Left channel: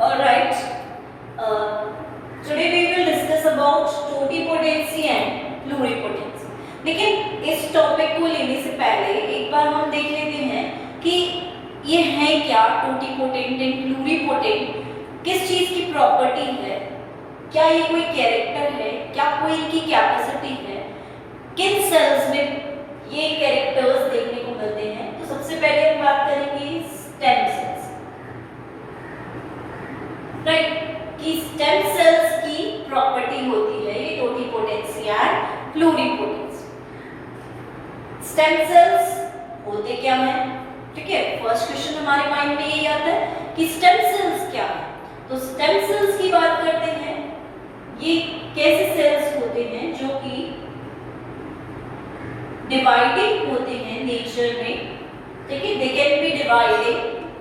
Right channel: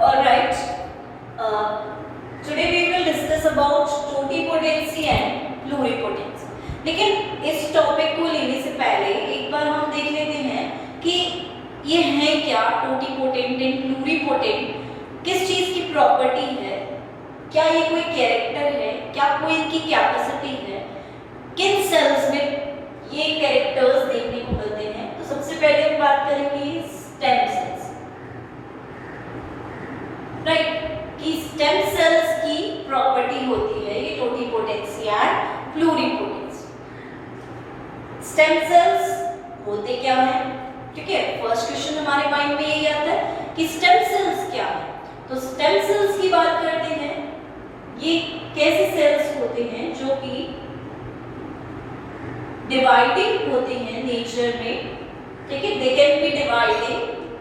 Alright, today we will discuss about totipotency and pluripotency. लेकिन इस topic को लेने से पहले एक बार हम देख लेते हैं कि ये है क्या टोटिपोटेंट एंड प्लूरिपोटेंट, किस चीज की प्रॉपर्टी है, क्या ये कोई कैरेक्टर है, क्या कोई इनकी कैपेसिटी है, किन सेल्स में ये कैरेक्टर्स देखने को मिलते हैं। तो सबसे पहले हम बात करेंगे स्टेम सेल्स, राइट, कि स्टेम सेल्स की प्रॉपर्टी होती है ये टोटिपोटेंसी एंड प्लूरिपोटेंसी। स्टेम सेल्स होते क्या हैं, ठीक है। फर्स्ट क्वेश्चन हमारे माइंड में यही आता है कि स्टेम सेल्स क्या है। तो स्टेम सेल्स की बात करते हैं, ये कैसे सेल्स होते हैं जो कि डिवाइडिंग होते हैं नेचर में, ठीक है। दे कैन बी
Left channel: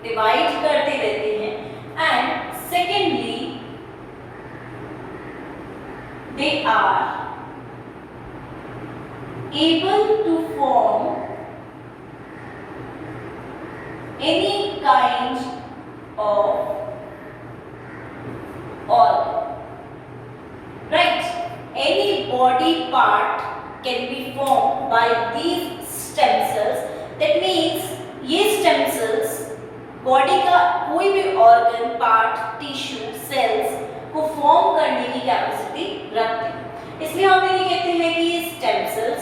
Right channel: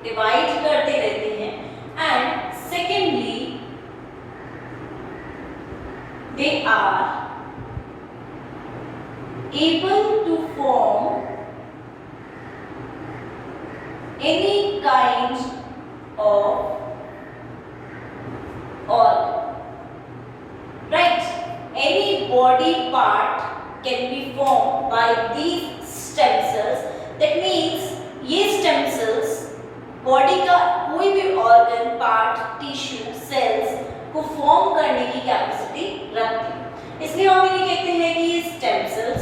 डिवाइड करते रहते हैं। And secondly they are able to form any kind of organ, right, any body part can be formed by these stem cells. That means ये stem cells बॉडी का कोई भी ऑर्गन, पार्ट, टिश्यू, सेल्स को form करने की capacity रखते हैं, इसलिए हम इन्हें कहते हैं कि ये स्टेम सेल्स।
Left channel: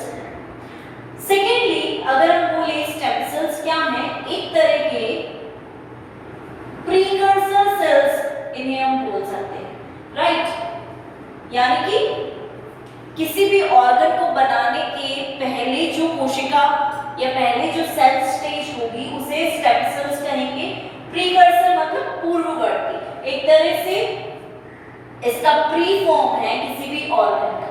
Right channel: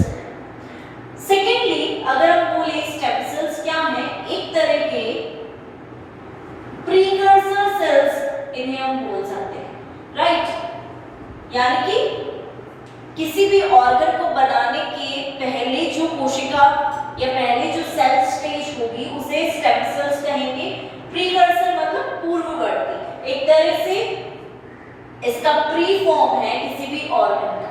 सेकेंडली अगर हम बोले स्टेम सेल्स क्या हैं, एक तरह के प्रीकर्सर सेल्स इन्हें हम बोल सकते हैं, राइट। यानी कि किसी भी ऑर्गन को बनाने के पहले जो कोशिका या पहले जो सेल स्टेज होगी उसे स्टेम सेल्स कहेंगे। प्रीकर्सर मतलब पूर्ववर्ती, एक तरह से इसका प्री फॉर्म है किसी भी ऑर्गन का।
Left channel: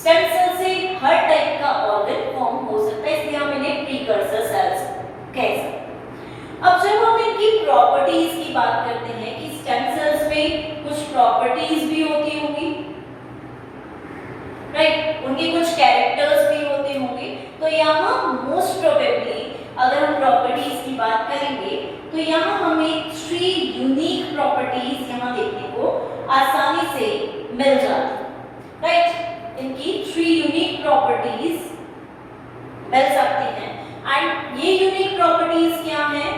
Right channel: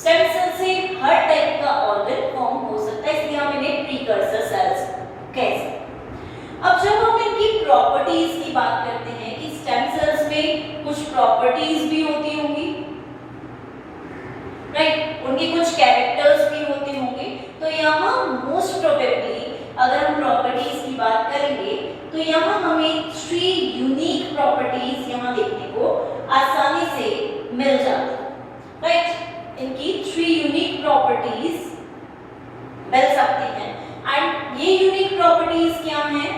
स्टेम सेल से हर टाइप का ऑर्गन फॉर्म हो सकता है, इसलिए हम इन्हें प्रीकर्सर सेल्स कह सकते हैं। अब जब हम इनकी प्रॉपर्टीज की बात करते हैं कि स्टेम सेल्स में कुछ प्रॉपर्टीज भी होती होंगी, राइट, उनके कुछ कैरेक्टर्स भी होते होंगे। तो यहाँ मोस्ट प्रोबेबली अगर हम प्रॉपर्टीज की बात करेंगे तो यहाँ हमें 3 यूनिक प्रॉपर्टीज यहाँ देखने को आसानी से मिल जाती है, राइट। इनकी 3 यूनिक प्रॉपर्टीज मिल सकती हैं। एंड ये यूनिक प्रॉपर्टीज क्या हैं,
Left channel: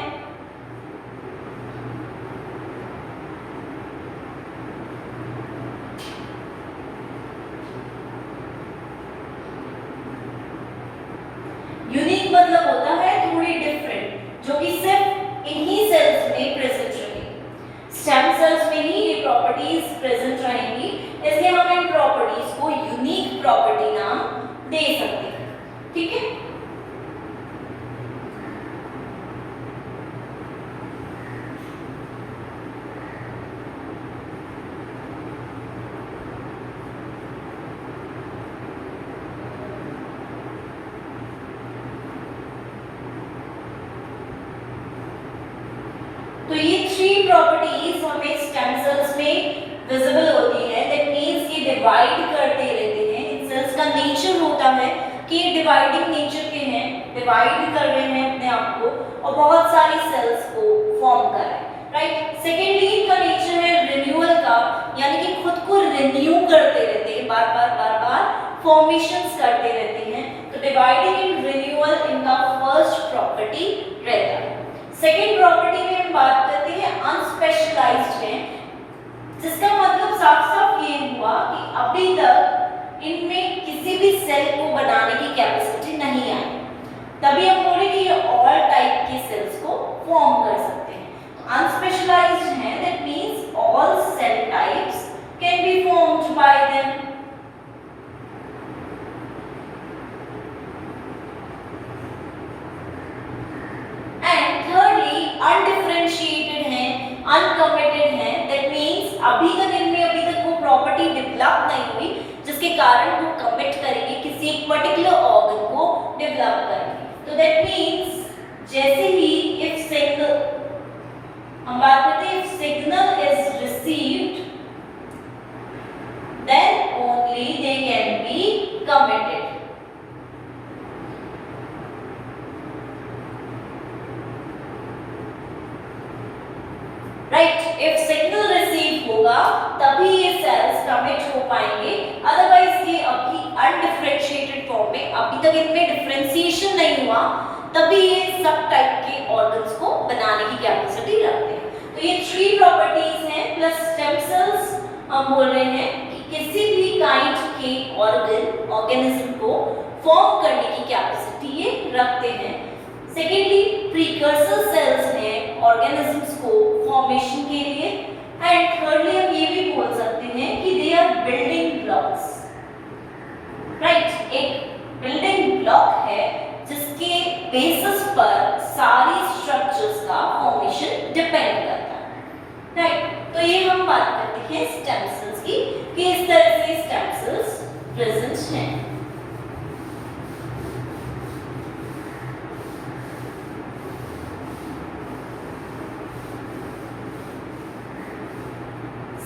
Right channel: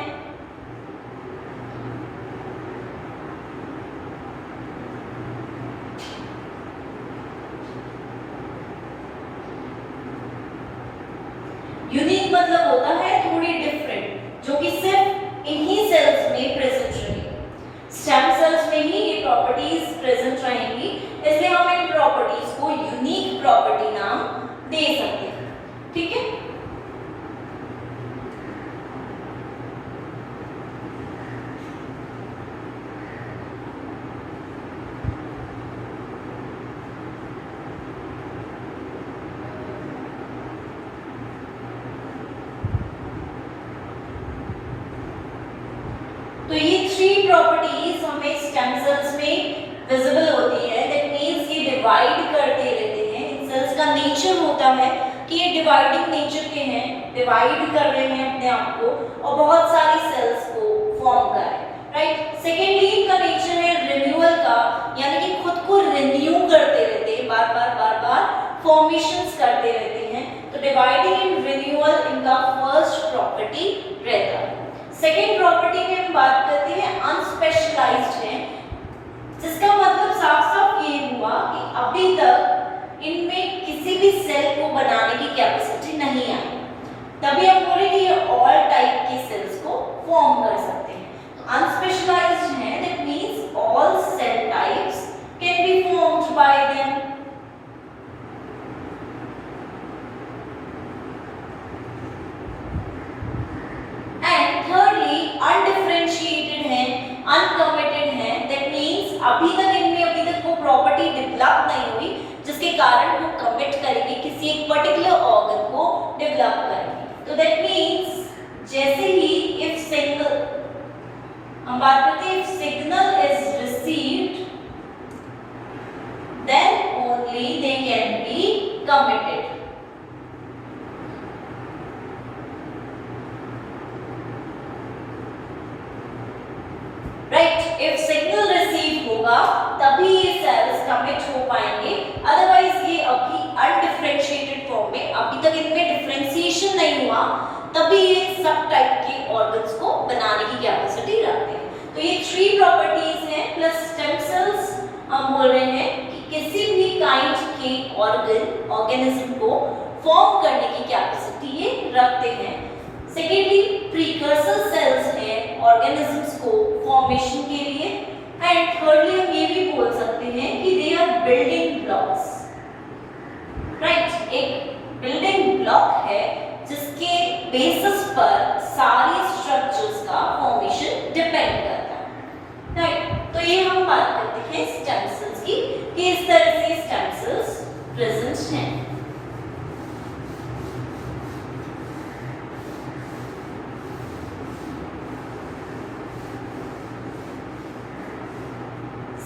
यूनिक मतलब होता है थोड़ी डिफरेंट, जो कि सिर्फ इन्हीं सेल्स में प्रेजेंट रहेगी। स्टेम सेल्स में ही ये प्रॉपर्टीज प्रेजेंट रहेंगी, इसलिए हम इन प्रॉपर्टीज को यूनिक प्रॉपर्टी नाम दे सकते हैं, ठीक है। तो ये 3 प्रॉपर्टीज हमें स्टेम सेल्स में विजिबल होती है। दैट मींस ये डिवाइड करते रहते हैं। इन सेल्स का नेचर होता है कि ये डिवाइडिंग नेचर के हैं, डिवाइड कर रहे हैं अपने आप को और बहुत सारी सेल्स को फॉर्म कर रहे हैं, राइट। सेकेंडली इनका नेचर है रिन्यूअल का, यानी कि खुद को रिन्यू करते रहते हैं, बार बार फॉर्मेशंस करते रहते हैं। तो डिवाइडिंग एंड रिन्यूअल इनका फर्स्ट प्रॉपर्टी रहता है। सेकेंड प्रॉपर्टी में हम बात करते हैं अनस्पेशलाइज्ड है, जिसका मतलब साफ साफ ये हुआ कि अभी तक इनमें किसी भी सेल को बनाने की कैपेसिटी नहीं आई, तभी हम बोले कि ये ऑल टाइप की सेल्स को फॉर्म कर सकते हैं। तो अनस्पेशलाइज्ड है, that means all cell types can be formed by them. Undifferentiated है, अनकमिटेड है, दैट मींस अभी तक वो प्रॉपर्टी डेवलप नहीं हुई जिसके कारण वो कमिट करेंगे किसी एक पर्टिकुलर ऑर्गन को डेवलप करेंगे। तो दैट मींस जैसे ही इफ सिग्नल, हम बात करते हैं if signal is received then only they can be committed. right? If signal होगा तभी ये सेल्स कमिट हो पाएंगे, अदरवाइज ये अभी अनडिफरेंशिएटेड फॉर्म में, अभी तक इनमें डिफरेंशिएशन नहीं हुआ, तभी ये सब टाइप के ऑर्गन्स को बनाने की कैपेसिटी रखते हैं। तो ये 3 प्रॉपर्टीज हैं प्लस स्टेम सेल्स हम बोल रहे हैं कि किसी भी काइंड के ऑर्गेनिज्म को फॉर्म करने की कैपेसिटी ये रखते हैं। सेकेंडली प्रीकर्सर सेल्स हैं ऑर्गेनिजम्स को फॉर्मेशन के लिए, एंड थर्डली हम ये भी बोल सकते हैं कि they are building blocks, right. एक बिल्डिंग ब्लॉक है जिसके बेसिस पर सारी स्ट्रक्चर्स का फॉर्मेशन डिपेंड करता है, राइट। तो ये हम बात करते हैं स्टेम सेल्स की कि इस तरह से स्टेम सेल्स प्रेजेंट हैं।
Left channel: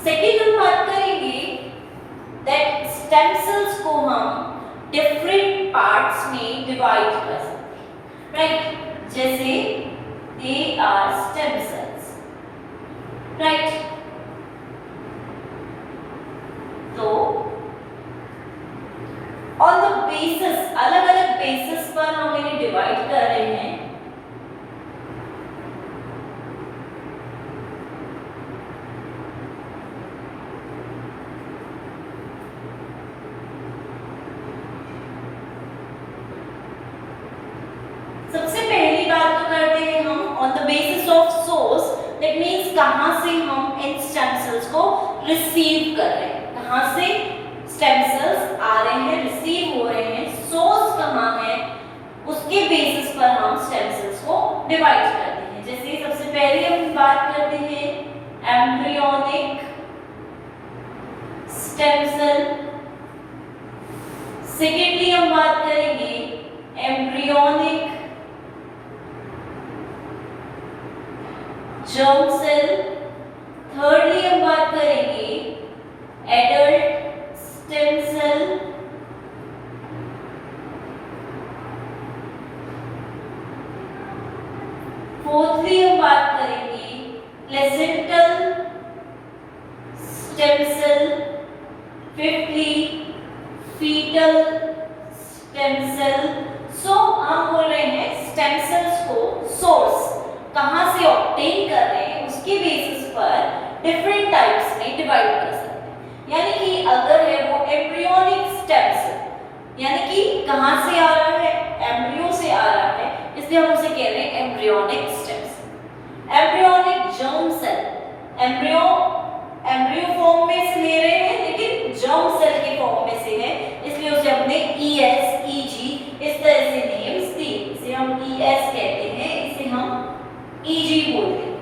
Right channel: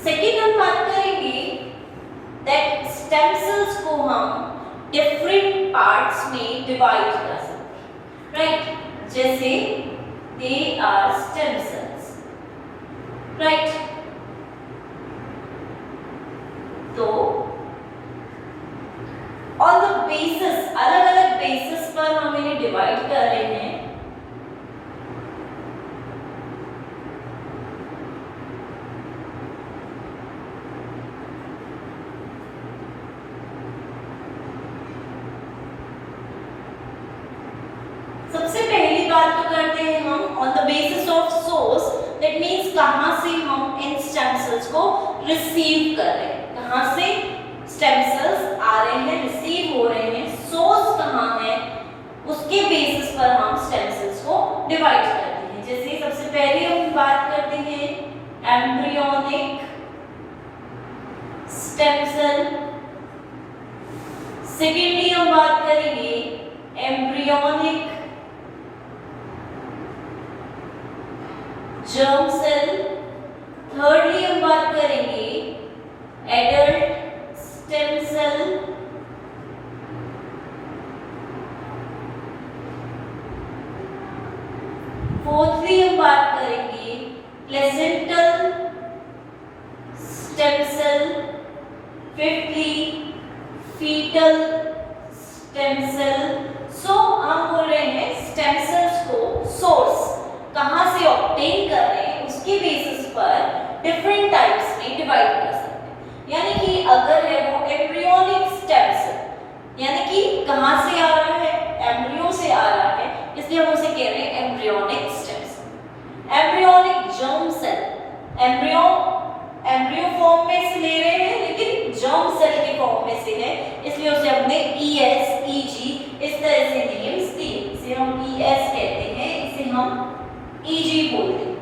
सेकेंड हम बात करेंगे दैट स्टेम सेल्स को हम डिफरेंट पार्ट्स में डिवाइड कर सकते हैं, राइट। जैसे they are stem cells, right. तो ऑन द बेसिस, अलग अलग बेसिस पर हम इन्हें डिवाइड कर रहे हैं। सबसे पहली बात तो करते हैं हम on the basis of source, that means कहां से हम इन स्टेम सेल्स को रिसीव कर रहे हैं, कहां से स्टेम सेल्स आ रहे हैं, रिसीव हो रहे हैं, सोर्स कहां है, उसके बेसिस पर हम स्टेम सेल्स को डिवाइड करते हैं। जैसे सबसे पहले हम बात करते हैं एम्ब्रियोनिक स्टेम सेल, सेकेंडली हम बात करेंगे एम्ब्रियोनिक जर्म सेल, थर्डली हम बात करेंगे एडल्ट स्टेम सेल, फोर्थली हम बात करेंगे placental stem cell, fifthly fetal stem cell. So हम बोल रहे हैं स्टेम सेल्स को सोर्स कहां से ऑब्टेन कर रहे हैं उसके बेसिस पर डिफरेंट टाइप्स में डिवाइड कर सकते हैं। यानी कि अगर है वो एम्ब्रियोनिक स्टेम सेल, यानी कि कहां से आ रहा है, एम्ब्रियो से आ रहा है, इसलिए हम उसे कह रहे हैं embryonic stem cell. Embryonic germ cell, embryo form में से ले रहे हैं लेकिन जर्म सेल के फॉर्म में से है, इसलिए उसे हमने ES, EG इस तरह से नेम्स दिए। इसे हम ES कहते हैं, इसे हम EG बोलते हैं।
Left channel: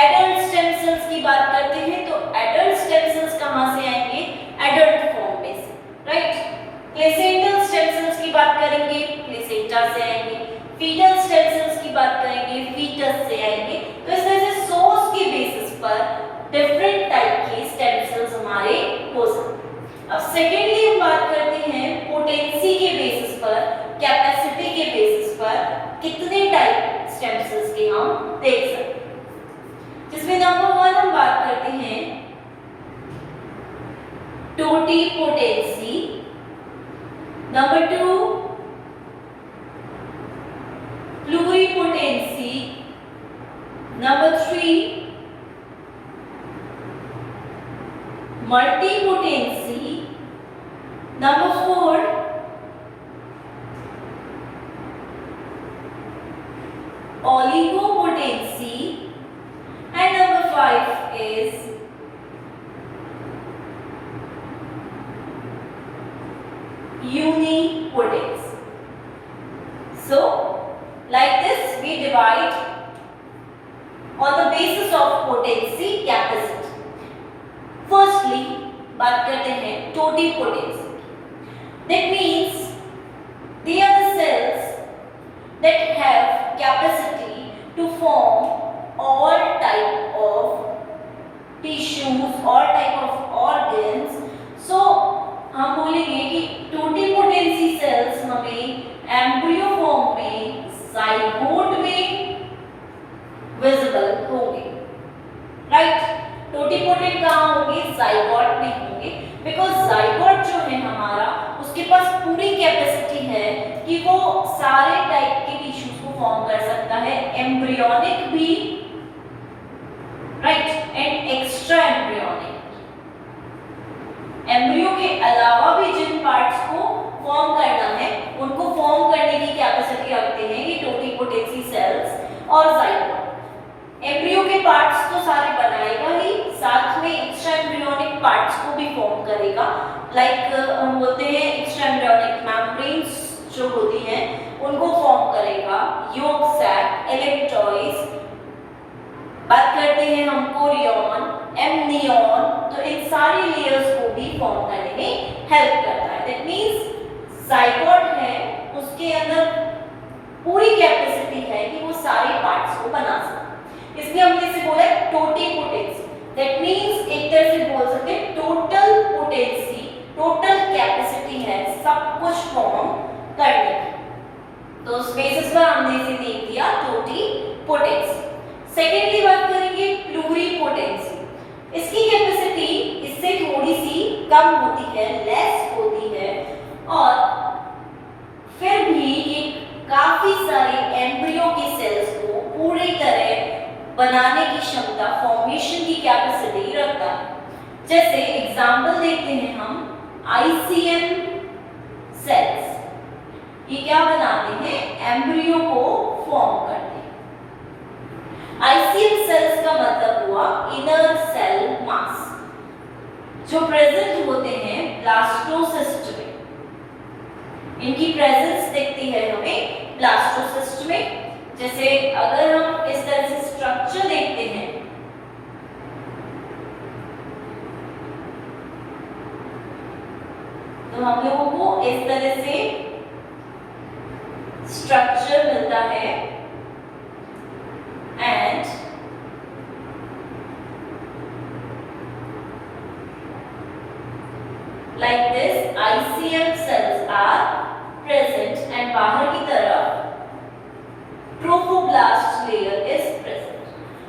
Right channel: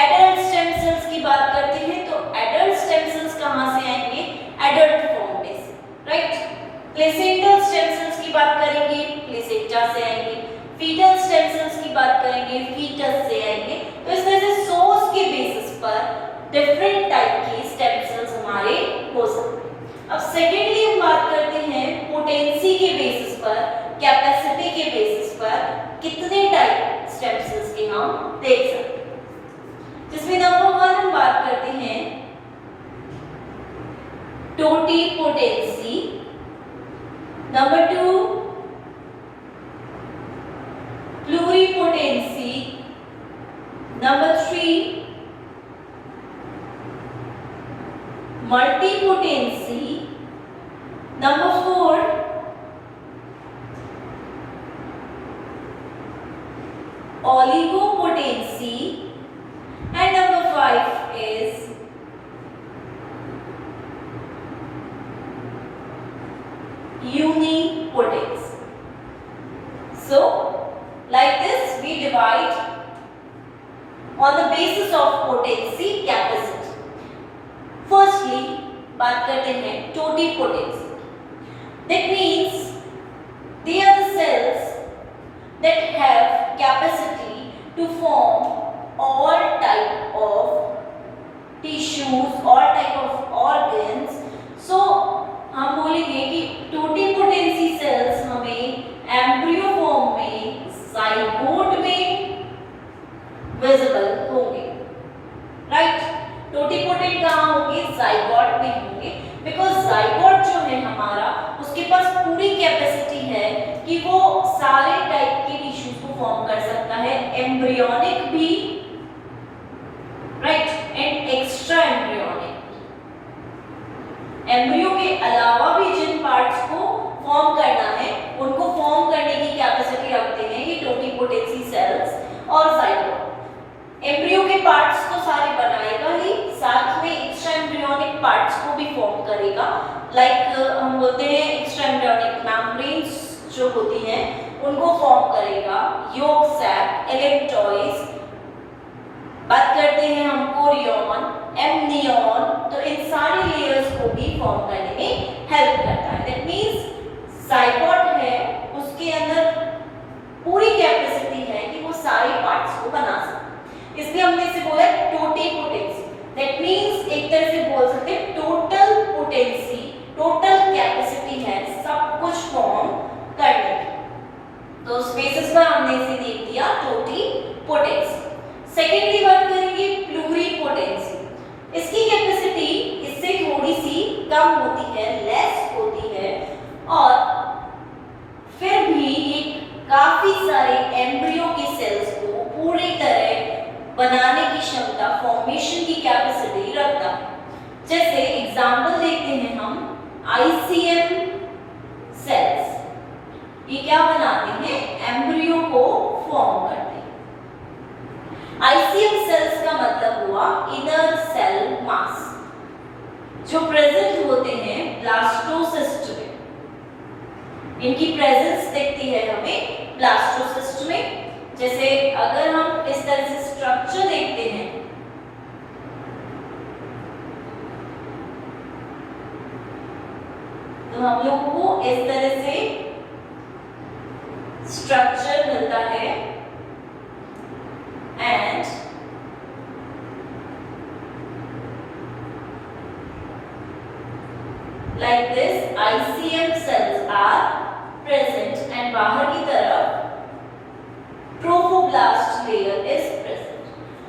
एडल्ट स्टेम सेल्स की बात करते हैं तो एडल्ट स्टेम सेल्स कहां से आएंगे, एडल्ट फॉर्म में से, राइट। प्लेसेंटल स्टेम सेल्स की बात करेंगे, प्लेसेंटा से आएंगे। फीटल स्टेम सेल्स की बात करेंगे, फीटस से आएंगे। तो इस तरह से सोर्स के बेसिस पर डिफरेंट टाइप के स्टेम सेल्स हमारे हो सकते हैं। अब सेकेंडली हम बात करते हैं पोटेंसी के बेसिस पर, कैपेसिटी के बेसिस पर कितने टाइप स्टेम सेल्स के हम देख सकते हैं, जिसमें नंबर 1 हम बात करते हैं totipotency, number 2 pluripotency, number 3 multipotency, number 4 oligopotency, and number 5 is unipotency. So like this we divide on the basis of potency capacity. Firstly बात करते हैं totipotency, that means they are the cells that have capacity to form all type of tissues, all type of organs. So हम बोलेंगे कि totipotency sales हमें embryo form में, zygote में visible होंगे, राइट। टोटिपोटेंट कहाँ होंगे? जाइगोट में होंगे, बिकॉज जाइगोट जो है हमारा उसके पास पूरी कैपेसिटी है कि वो सारे टाइप के टिश्यूज को फॉर्म कर सकता है, एम्ब्रियोनिक भी, right, and extra embryonic. Embryo के अलावा भी जिन पार्ट्स को फॉर्म करना है उनको फॉर्म करने की कैपेसिटी रखते हैं ये टोटिपोटेंसी सेल्स और जाइगोट। एम्ब्रियो के पार्ट्स तो सारे बनाएगा ही, साथ में एक्स्ट्रा एम्ब्रियोनिक पार्ट्स को भी फॉर्म करेगा। लाइक हम बोलते हैं एक्स्ट्रा एम्ब्रियोनिक मेम्ब्रेन्स जो होती हैं उनको फॉर्म करेगा, योक सैक, एलेक्ट्रॉइड्स, बात करते हैं हम कोरियन, एमनियन, तो इन सारी लेयर्स को भी फॉर्म करने में हेल्प करता है। दैट मींस जाइगोट है उसके अंदर पूरी कैपेसिटी है कि वो सारे पार्ट्स को बना सके, इसलिए हमने इसे बोला टोटिपोटेंसी। दैट मींस एक तरह से बोल सकते हैं टोटल पोटेंसी, टोटल कैपेसिटी है सब कुछ फॉर्म करने की। तो उस बेसिस पर हमने इसे देख दिया टोटिपोटेंसी। सेकेंडली बात करेंगे प्लूरिपोटेंसी। इसकी कैपेसिटी इससे थोड़ी सी कम होती है, लेस होती है, और फिर भी ये काफी सारे एम्ब्रियो के सेल्स को पूरी तरह बनाने की क्षमता, फॉर्मेशन की कैपेसिटी रखता है। जैसे एग्जांपल देखते हैं हम आईसीएम सेल्स, ये क्या बनाते हैं? एम्ब्रियो को फॉर्म करते हैं। आईसीएम सेल्स का मतलब हुआ इनर सेल मास, जो प्रेजेंट होते हैं ब्लास्टोसिस्ट में। इनकी प्रेजेंस दिखती है हमें ब्लास्टोसिस्ट में। जैसे अगर हम इस तरह से स्ट्रक्चर देखते हैं, तो हम लोगों को इस तरह से स्ट्रक्चर मिलता है, and like this ICM cells are present and बाहर की तरफ ट्रोफोब्लास्ट लेयर is present।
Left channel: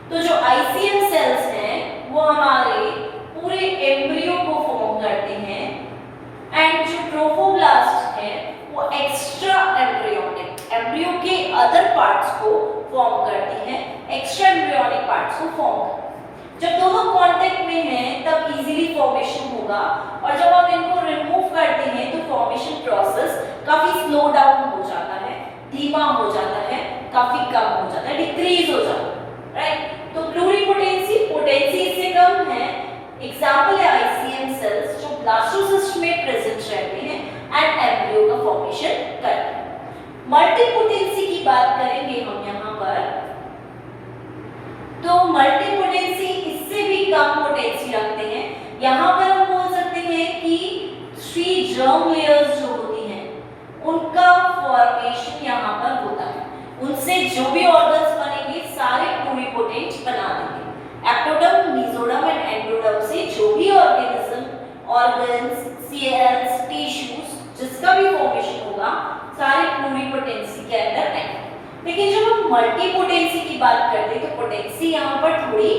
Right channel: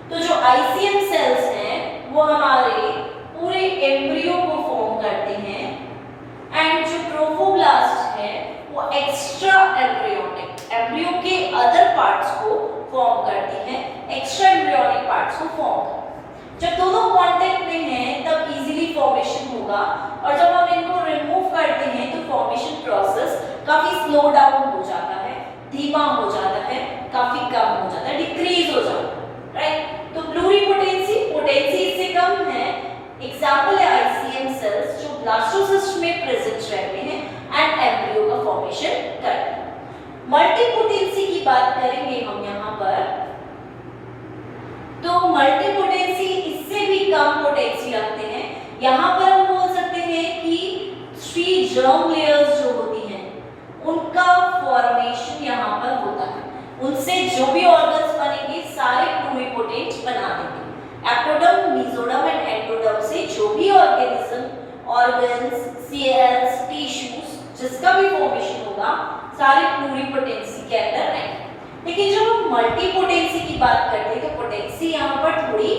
तो जो ICM cells हैं वो हमारे पूरे एम्ब्रियो को फॉर्म करते हैं, एंड जो ट्रोफोब्लास्ट है वो एक्स्ट्रा एम्ब्रियोनिक, एम्ब्रियो के अदर पार्ट्स को फॉर्म करती हैं, एक्स्ट्रा एम्ब्रियोनिक पार्ट्स को फॉर्म करती हैं। जब दोनों कांटेक्ट में हैं तब इजीली फॉर्मेशन होगा, और जब हम इनको रिमूव करते हैं तो फॉर्मेशन प्रोसेस काफी स्लो डाउन हो जाता है, धीमा हो जाता है, काफी कम हो जाता है, डिक्रीज हो जाता है, राइट। तो प्लूरिपोटेंसी, पोटेंसी इससे कम है। एग्जांपल है आईसीएम सेल्स जो ब्लास्टोसिस्ट में प्रेजेंट रहते हैं एंड एम्ब्रियो का फॉर्मेशन करते हैं। मल्टीपोटेंसी की बात करेंगे हम यहाँ पर, तो मल्टीपोटेंसी इससे भी कम पोटेंसी रखते हैं। यहाँ पर हम बोल सकते हैं कि 3 जर्म लेयर्स जो होती हैं उनका फॉर्मेशन यहाँ पर होता है, उनसे जो भी ऑर्गन्स बनेंगे सारे प्लूरिपोटेंट बना देंगे। एक्टोडर्म, मेसोडर्म एंड एंडोडर्म से जो भी ऑर्गेनिज्म, ऑर्गन्स, सेल्स, टिश्यूज जिसका भी फॉर्मेशन होगा सारे प्लूरिपोटेंसी के अंदर आएंगे। लेकिन जब हम मल्टीपोटेंसी की बात करते हैं तो पोटेंसी यहाँ पर थोड़ी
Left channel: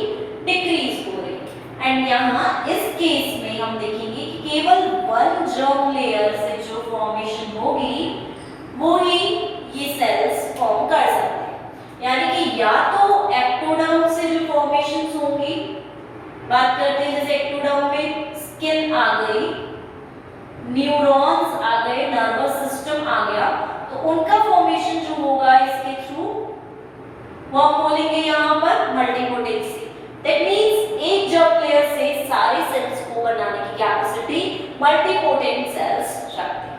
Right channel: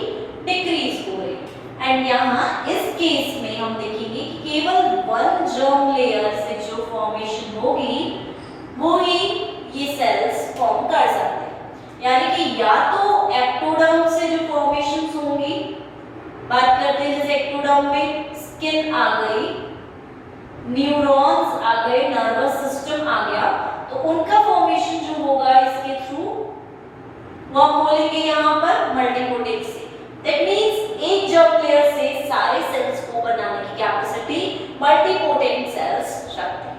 डिक्रीज हो रही है, एंड यहाँ इस केस में हम देखेंगे कि केवल 1 जर्म लेयर से जो फॉर्मेशन होगी वो ही ये सेल्स फॉर्म कर सकते हैं। यानी कि या तो एक्टोडर्म से जो फॉर्मेशंस होंगी, बात करते हैं जैसे एक्टोडर्म में स्किन आ गई, न्यूरॉन्स आ गए, नर्वस सिस्टम आ गया, तो उनका फॉर्मेशन जो होगा इसके थ्रू वो हम बोलेंगे यहाँ पर मल्टीपोटेंसी। दैट मींस एक जर्म लेयर से सारे सेल्स को बनाने की कैपेसिटी मल्टीपोटेंट सेल्स रखते हैं।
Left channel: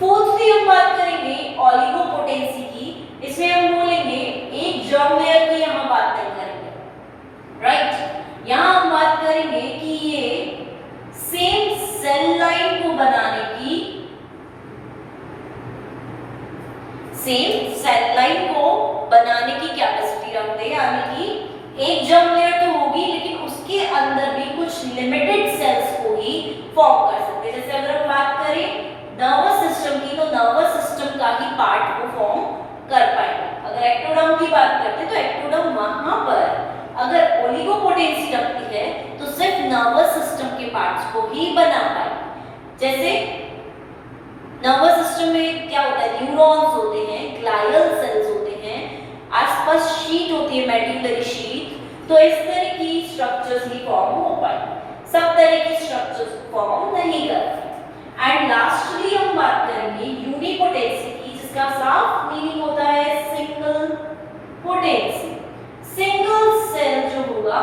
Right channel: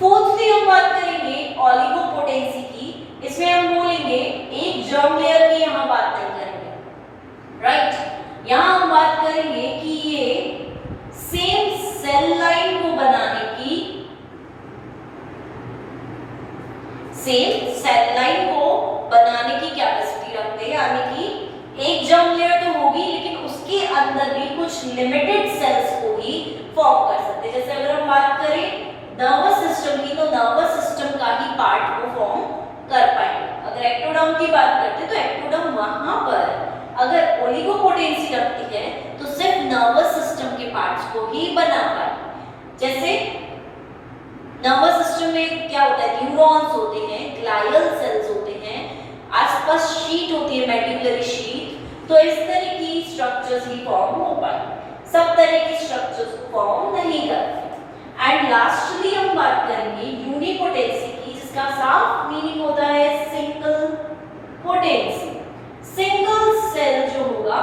फोर्थली हम बात करेंगे ओलिगोपोटेंसी की। इसमें हम बोलेंगे एक जर्म लेयर की यहाँ बात नहीं करेंगे, राइट। यहाँ हम बात करेंगे कि ये सेम सेल लाइन को बनाने की, सेम सेल लाइन को बनाने की कैपेसिटी रखते हैं। यानी कि एक जर्म लेयर तो होगी लेकिन उसके अंदर भी कुछ लिमिटेड सेल्स को ही फॉर्म कर सकते हैं। जैसे अगर हम बात करें नर्वस सिस्टम की, तो नर्वस सिस्टम का ही पार्ट को फॉर्म कर पाएंगे। अगर एक्टोडर्म की बात करते हैं तो एक्टोडर्म वहां पर अगर ओलिगोपोटेंसी रखती है तो सिर्फ नर्वस सिस्टम के पार्ट्स को ही बना पाएगी। जैसे नर्वस सिस्टम में क्या होता है, न्यूरॉन्स होते हैं, ग्लाइयल सेल्स होते हैं, आसपास शीट होती है, मेडुलरी शीट, तो इस तरह की स्ट्रक्चर्स ही फॉर्म हो पाए, सब तरह की स्ट्रक्चर्स फॉर्म नहीं करते। एंड लास्टली हम बात करेंगे यूनिपोटेंसी की, जिसका साफ मीनिंग होता है सिंगल पोटेंसी। सिंगल सेल जो होगा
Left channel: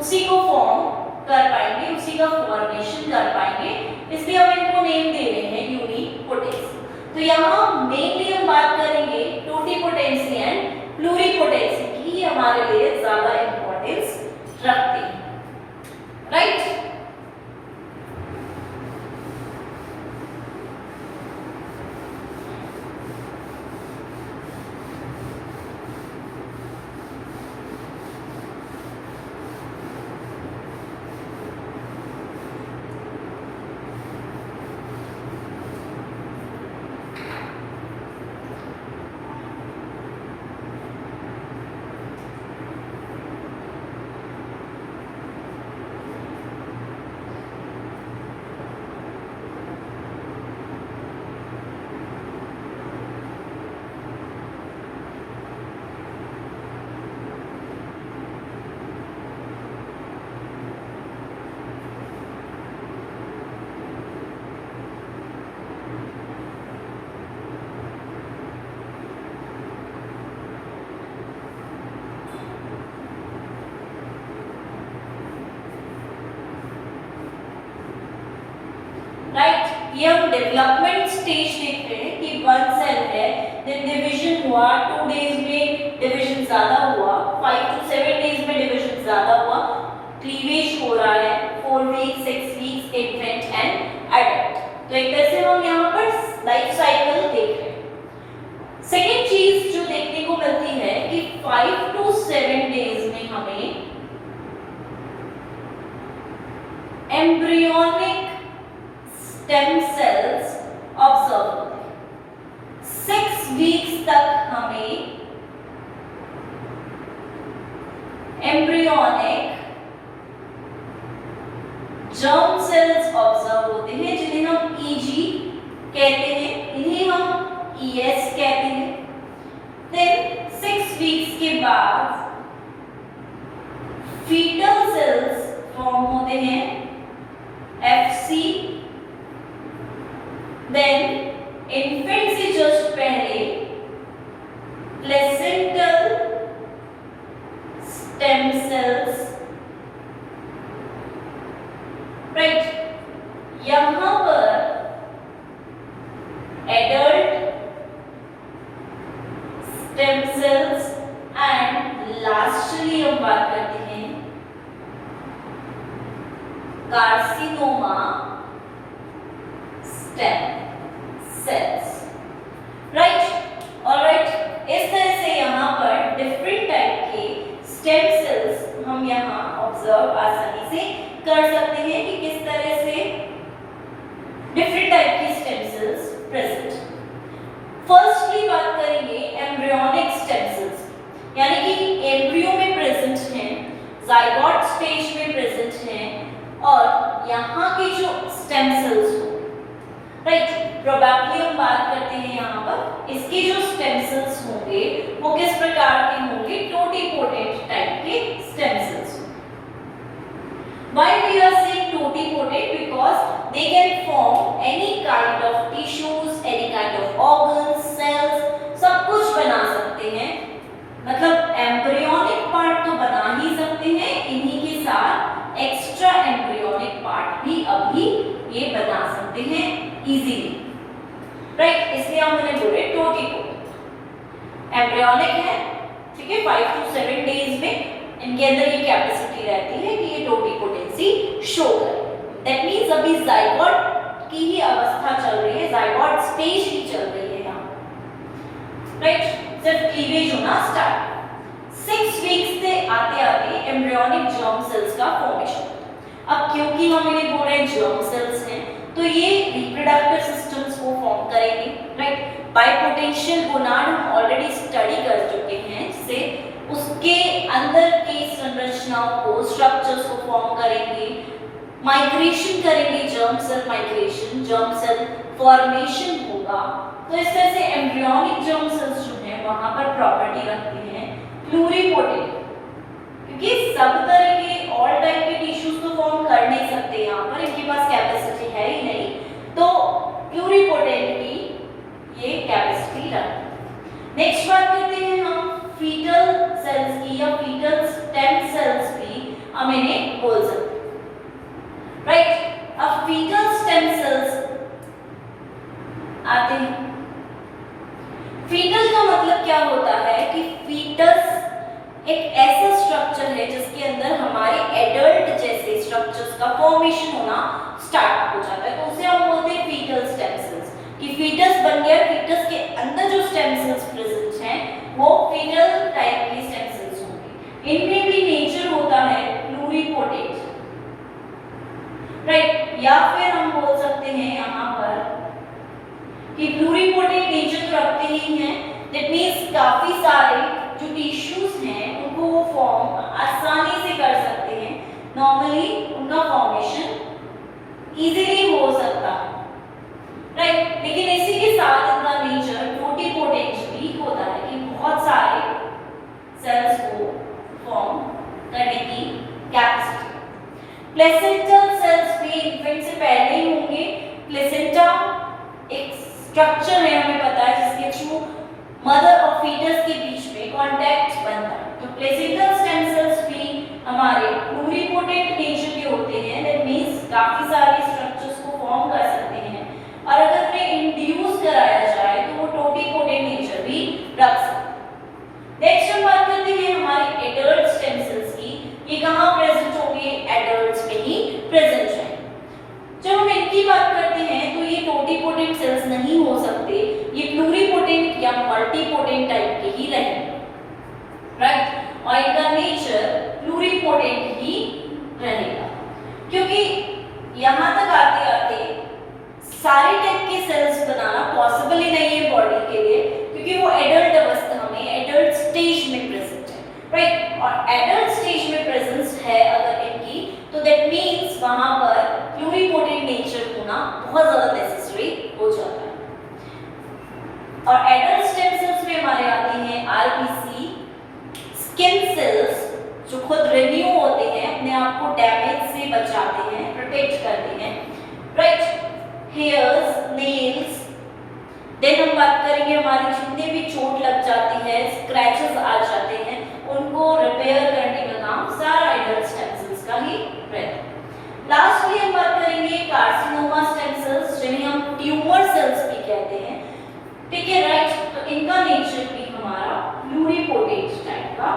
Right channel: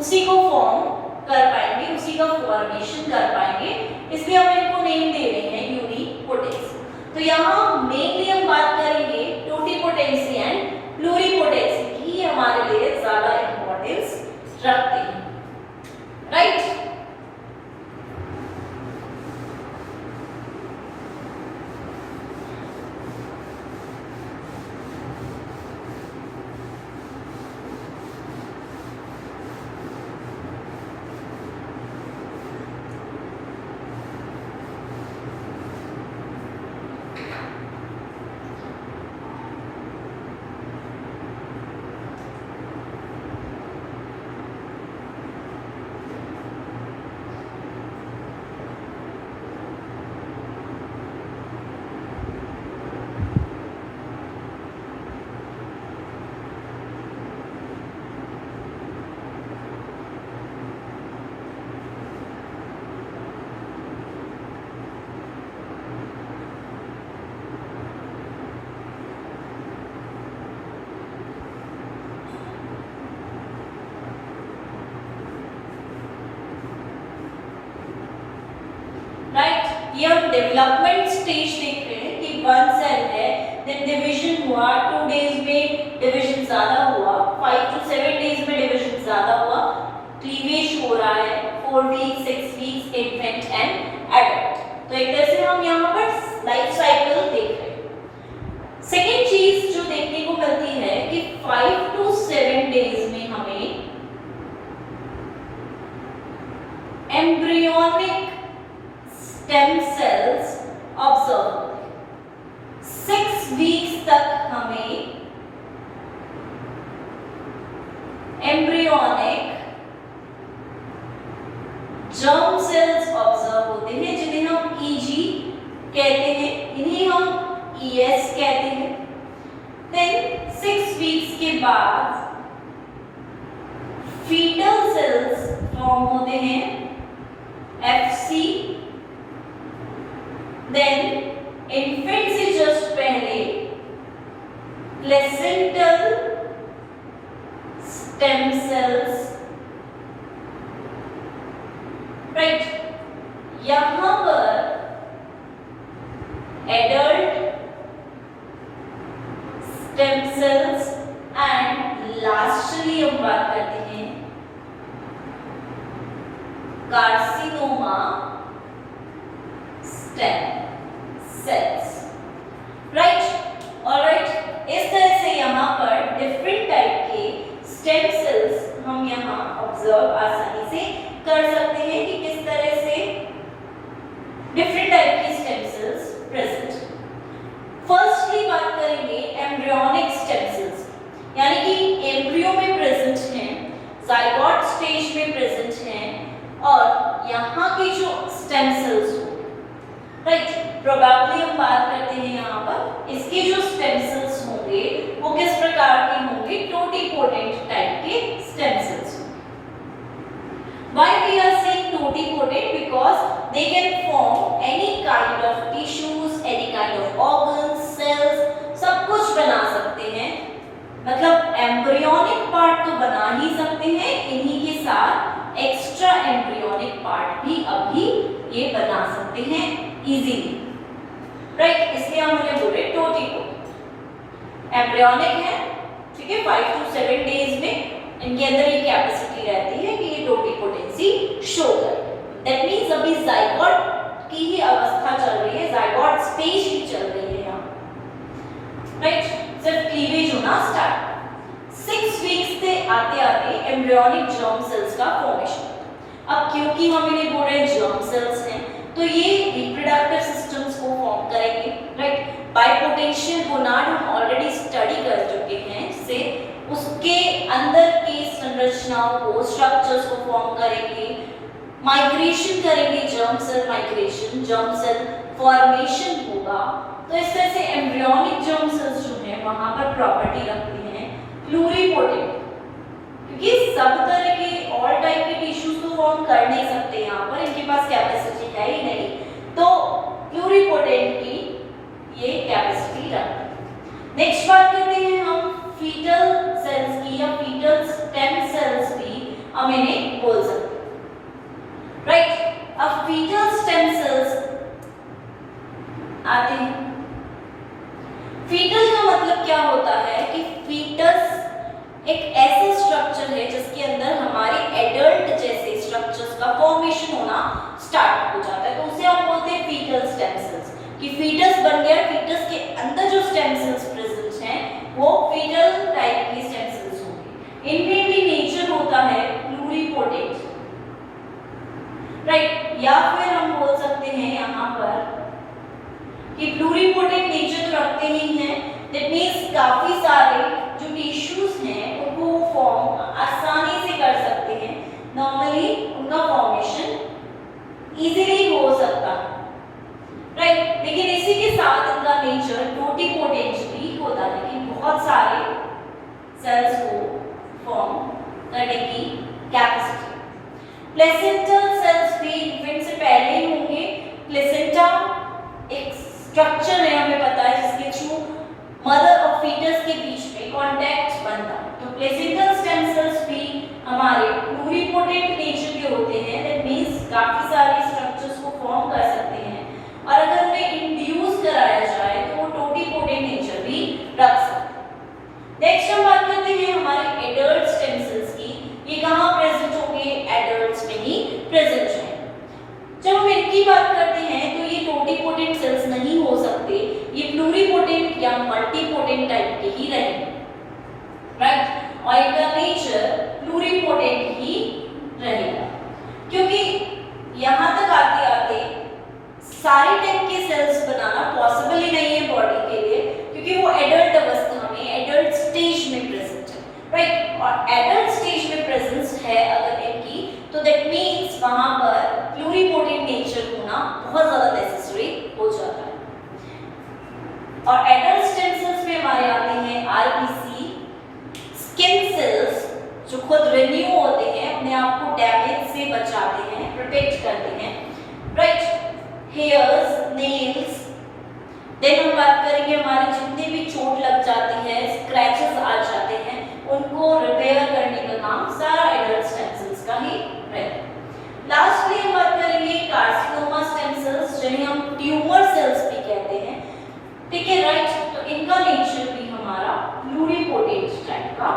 उसी को फॉर्म कर पाएंगे, उसी का फॉर्मेशन कर पाएंगे, इसलिए हम इनको नेम दे रहे हैं यूनिपोटेंसी। तो यहाँ मेनली हम बात करेंगे टोटिपोटेंसी एंड प्लूरिपोटेंसी की, हमारे लिए ज्यादा इंपॉर्टेंस रखते हैं, राइट। राइट, ये हम डेवलपमेंट स्टेज देख रहे हैं कि वन सेल है, देन डिवीजन हुआ, 2 डेज में डिवीजन ज्यादा हुआ, 5 to 7 डेज में डिवीजन ज्यादा हुआ, क्लीवेज हो रहा है, 4 week 6 weeks infant and adult. तो एक तरह से हम यहाँ पर लाइफ साइकिल देख रहे हैं। सेकेंड चीज जो देखने को मिलती है कि 5 to 7 डेज में हमें एम्ब्रियोनिक स्टेम सेल्स ऑब्जर्व होते हैं। 6 वीक्स तक हमें एम्ब्रियोनिक जर्म सेल्स ऑब्जर्व होते हैं, जिन्हें हम ईजी कहते हैं, इन्हें हम ईएस कहते हैं। देन 6 वीक्स के बाद फीटल सेल्स फॉर्म होते हैं, एफसी। देन इन्फेंट से जस्ट पहले प्लेसेंटल स्टेम सेल्स, राइट। यहां पर adult stem sales and lastly हम बात करते हैं carcinoma stem cells, right. Alright, इस तरह से यहाँ पर डिफरेंट टाइप के स्टेम सेल्स हम यहाँ ऑब्जर्व आसानी से कर सकते हैं कि किस तरह से डिफरेंट टाइप की स्टेम सेल्स प्रेजेंट। फर्स्टली बात करेंगे एम्ब्रियोनिक स्टेम सेल्स, यानी कि एम्ब्रियो में प्रेजेंट हैं, जाइगोट स्टेज में प्रेजेंट हैं, और यहाँ के जो स्टेम सेल्स हो, राइट, प्रोबेबली हम बात करते हैं यहाँ पर इसके जो स्टेम सेल्स होंगे वो किस प्रकार के होंगे, टोटिपोटेंट टाइप के stem sales. Why we are saying totipotent? Because they can form any kind of tissues, any kind of organs, cells, सब कुछ बना सकते हैं। मतलब एम्ब्रियोनिक पार्ट तो बना ही सकते हैं, इन्हीं के साथ एक्स्ट्रा एम्ब्रियोनिक पार्ट भी अभी ये बना सकते हैं इजीली, राइट। इसलिए हम उन्हें बोले टोटिपोटेंट। एम्ब्रियोनिक है, ठीक है, 5 to 7 डेज में इनके अंदर ये कैपेसिटी रहती है कि ये टोटिपोटेंसी शो करे। दैट मींस अभी जाइगोट की ही अवस्था चल रही है, जाइगोट स्टेज ही चल रही है यहाँ, राइट। सिर्फ क्लीवेज होना स्टार्ट। 6 वीक्स से आते आते एम्ब्रियोनिक जर्म सेल्स का फॉर्मेशन। अब क्योंकि हम इन्हें बोल रहे हैं जर्म सेल्स हैं, तो ये रिप्रोडक्टिव सिस्टम्स को फॉर्म करेंगे, राइट। बाइपोटेंशियल गोनाड हम ऑलरेडी स्टडी कर चुके हैं, जिसे उसके अंदर की संरचनाओं को, स्ट्रक्चर्स को फॉर्म करेंगे, माइग्रेशन करेंगे, germ cell migration, germ cell formation होगा। तो इस तरह से एम्ब्रियोनिक जर्म सेल्स जो है वहां पर प्रॉपर्टी रखते हैं प्लूरिपोटेंट, क्योंकि सब तरह के ऑल टाइप के टिश्यूज तो फॉर्म कर नहीं सकते, यहाँ पर इनके पास कैपेसिटी है ही नहीं, तो प्लूरिपोटेंट की ये कैपेसिटी रखते हैं। नेक्स्ट बात करते हैं हम फीटल सेल्स की, या फीटल स्टेम सेल्स भी हम इन्हें बोल सकते हैं, राइट। अब फीटल स्टेम सेल्स आते हैं। फीटल का मतलब क्या होता है कि फीटस एक ऐसा स्ट्रक्चर है जिसके अंदर हमारे एडल्ट जैसे स्ट्रक्चर्स का फॉर्मेशन होना स्टार्ट हो जाता है, तो उसे हम बोलते हैं फीटल स्टेम सेल्स, कि फीटस बन गया, फीटस के अंदर जो स्टेम सेल्स प्रेजेंट हैं वो फीटल टाइप के स्टेम सेल्स होंगे। इनमें भी नेचर होता है प्लूरिपोटेंट, राइट। या फिर हम बोल सकते हैं यहाँ पर कि प्लूरिपोटेंट नेचर तो रखते ही हैं, दैट मींस काफी सारे जो टिश्यूज हैं उनको वो फॉर्म आसानी से कर सकते हैं, नॉर्मली उनका फॉर्मेशन इजीली हो सकता है, राइट। लेकिन इसी के साथ इनका नेचर टोटिपोटेंट भी होता है कि बहुत सारे सेल्स को फॉर्म करने की कैपेसिटी। प्लेसेंटल सेल्स भी इन्फेंट से पहले ही होंगे। प्लेसेंटा एक स्ट्रक्चर है, हमें पता है, जिसके थ्रू मदर और फीटस के बीच में कांटेक्ट बनता है। तो प्लेसेंटल स्टेम सेल्स भी हमारे प्लूरिपोटेंट नेचर के होते हैं, दैट मींस काफी सारे स्ट्रक्चर्स को फॉर्म कर सकते हैं, और अगर उन्हें इंड्यूस कराया जाए तो वो टोटिपोटेंट नेचर भी रख सकते हैं। नेक्स्ट हम बात करते हैं हमारे एडल्ट स्टेम सेल्स की। ये कहाँ प्रेजेंट होंगे? एडल्ट्स में ही प्रेजेंट रहेंगे। जब हम इनकी बात करते हैं तो ये टोटिपोटेंट सेल्स नहीं हो सकते, ये प्लूरिपोटेंट या मल्टीपोटेंट टाइप के ही रहेंगे, राइट। और इनका नेचर प्लूरिपोटेंट ही रहेगा, क्योंकि यहाँ तक आते आते सारे टाइप के सेल्स बनाना पॉसिबल ही नहीं है बॉडी के लिए, क्योंकि वो एडल्ट अवस्था में, एडल्ट स्टेज में प्रेजेंट है, राइट। और एडल्ट स्टेज में प्रेजेंस है अगर इनकी, तो दैट मींस वहां पर प्लूरिपोटेंट नेचर होना बहुत ज्यादा नेसेसरी हो जाता है। और एडल्ट स्टेम सेल्स में हमारे आते हैं आरबीसी, स्किन सेल्स जो खुद रिन्यू होते हैं, अपने आप को डैमेज से बचाते हैं, प्रोटेक्ट करते हैं, राइट। Hairs, nails. देन हम बात करेंगे हमारे जितने भी चोट लग जाती है, स्क्रैचेस आ जाते हैं, उनको रिपेयर करने का काम सारा एडल्ट स्टेम सेल्स का ही रहता है। लास्टली हम बात करेंगे कार्सिनोमा स्टेम सेल्स, जिन्हें हम ट्यूमर सेल्स भी कहते हैं, ठीक है, राइट। तो इनका नेचर भी हमारा प्लूरिपोटेंट टाइप का,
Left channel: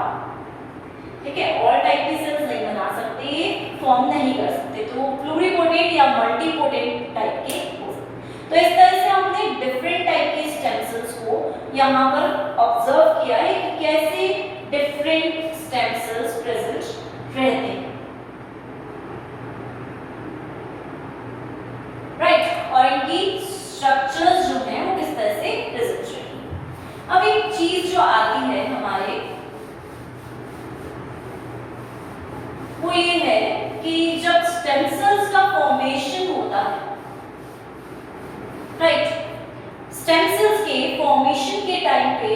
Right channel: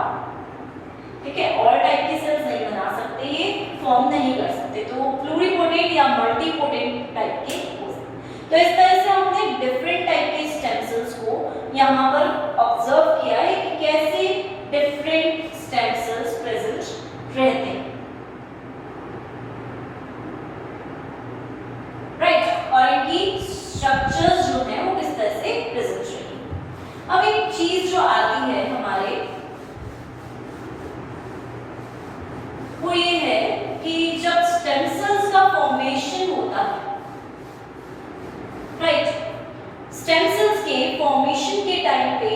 ठीक है। ऑल टाइप के सेल्स नहीं बना सकते, ये फॉर्म नहीं कर सकते, तो प्लूरिपोटेंट या मल्टीपोटेंट टाइप के हो सकते। तो इस तरह से हमने डिफरेंट टाइप के स्टेम सेल्स को यहाँ पर ऑब्जर्व किया है कि कैसे डिफरेंट स्टेम सेल्स प्रेजेंट रहते हैं, राइट। और इनकी स्ट्रक्चर्स जो हैं वो किस तरह से प्रेजेंट रहेंगी। अब एक चीज जो आती है हमारे, वो ये है कि जब स्टेम सेल्स का फॉर्मेशन होता है, राइट, स्टेम सेल्स के फॉर्मेशन के टाइम पे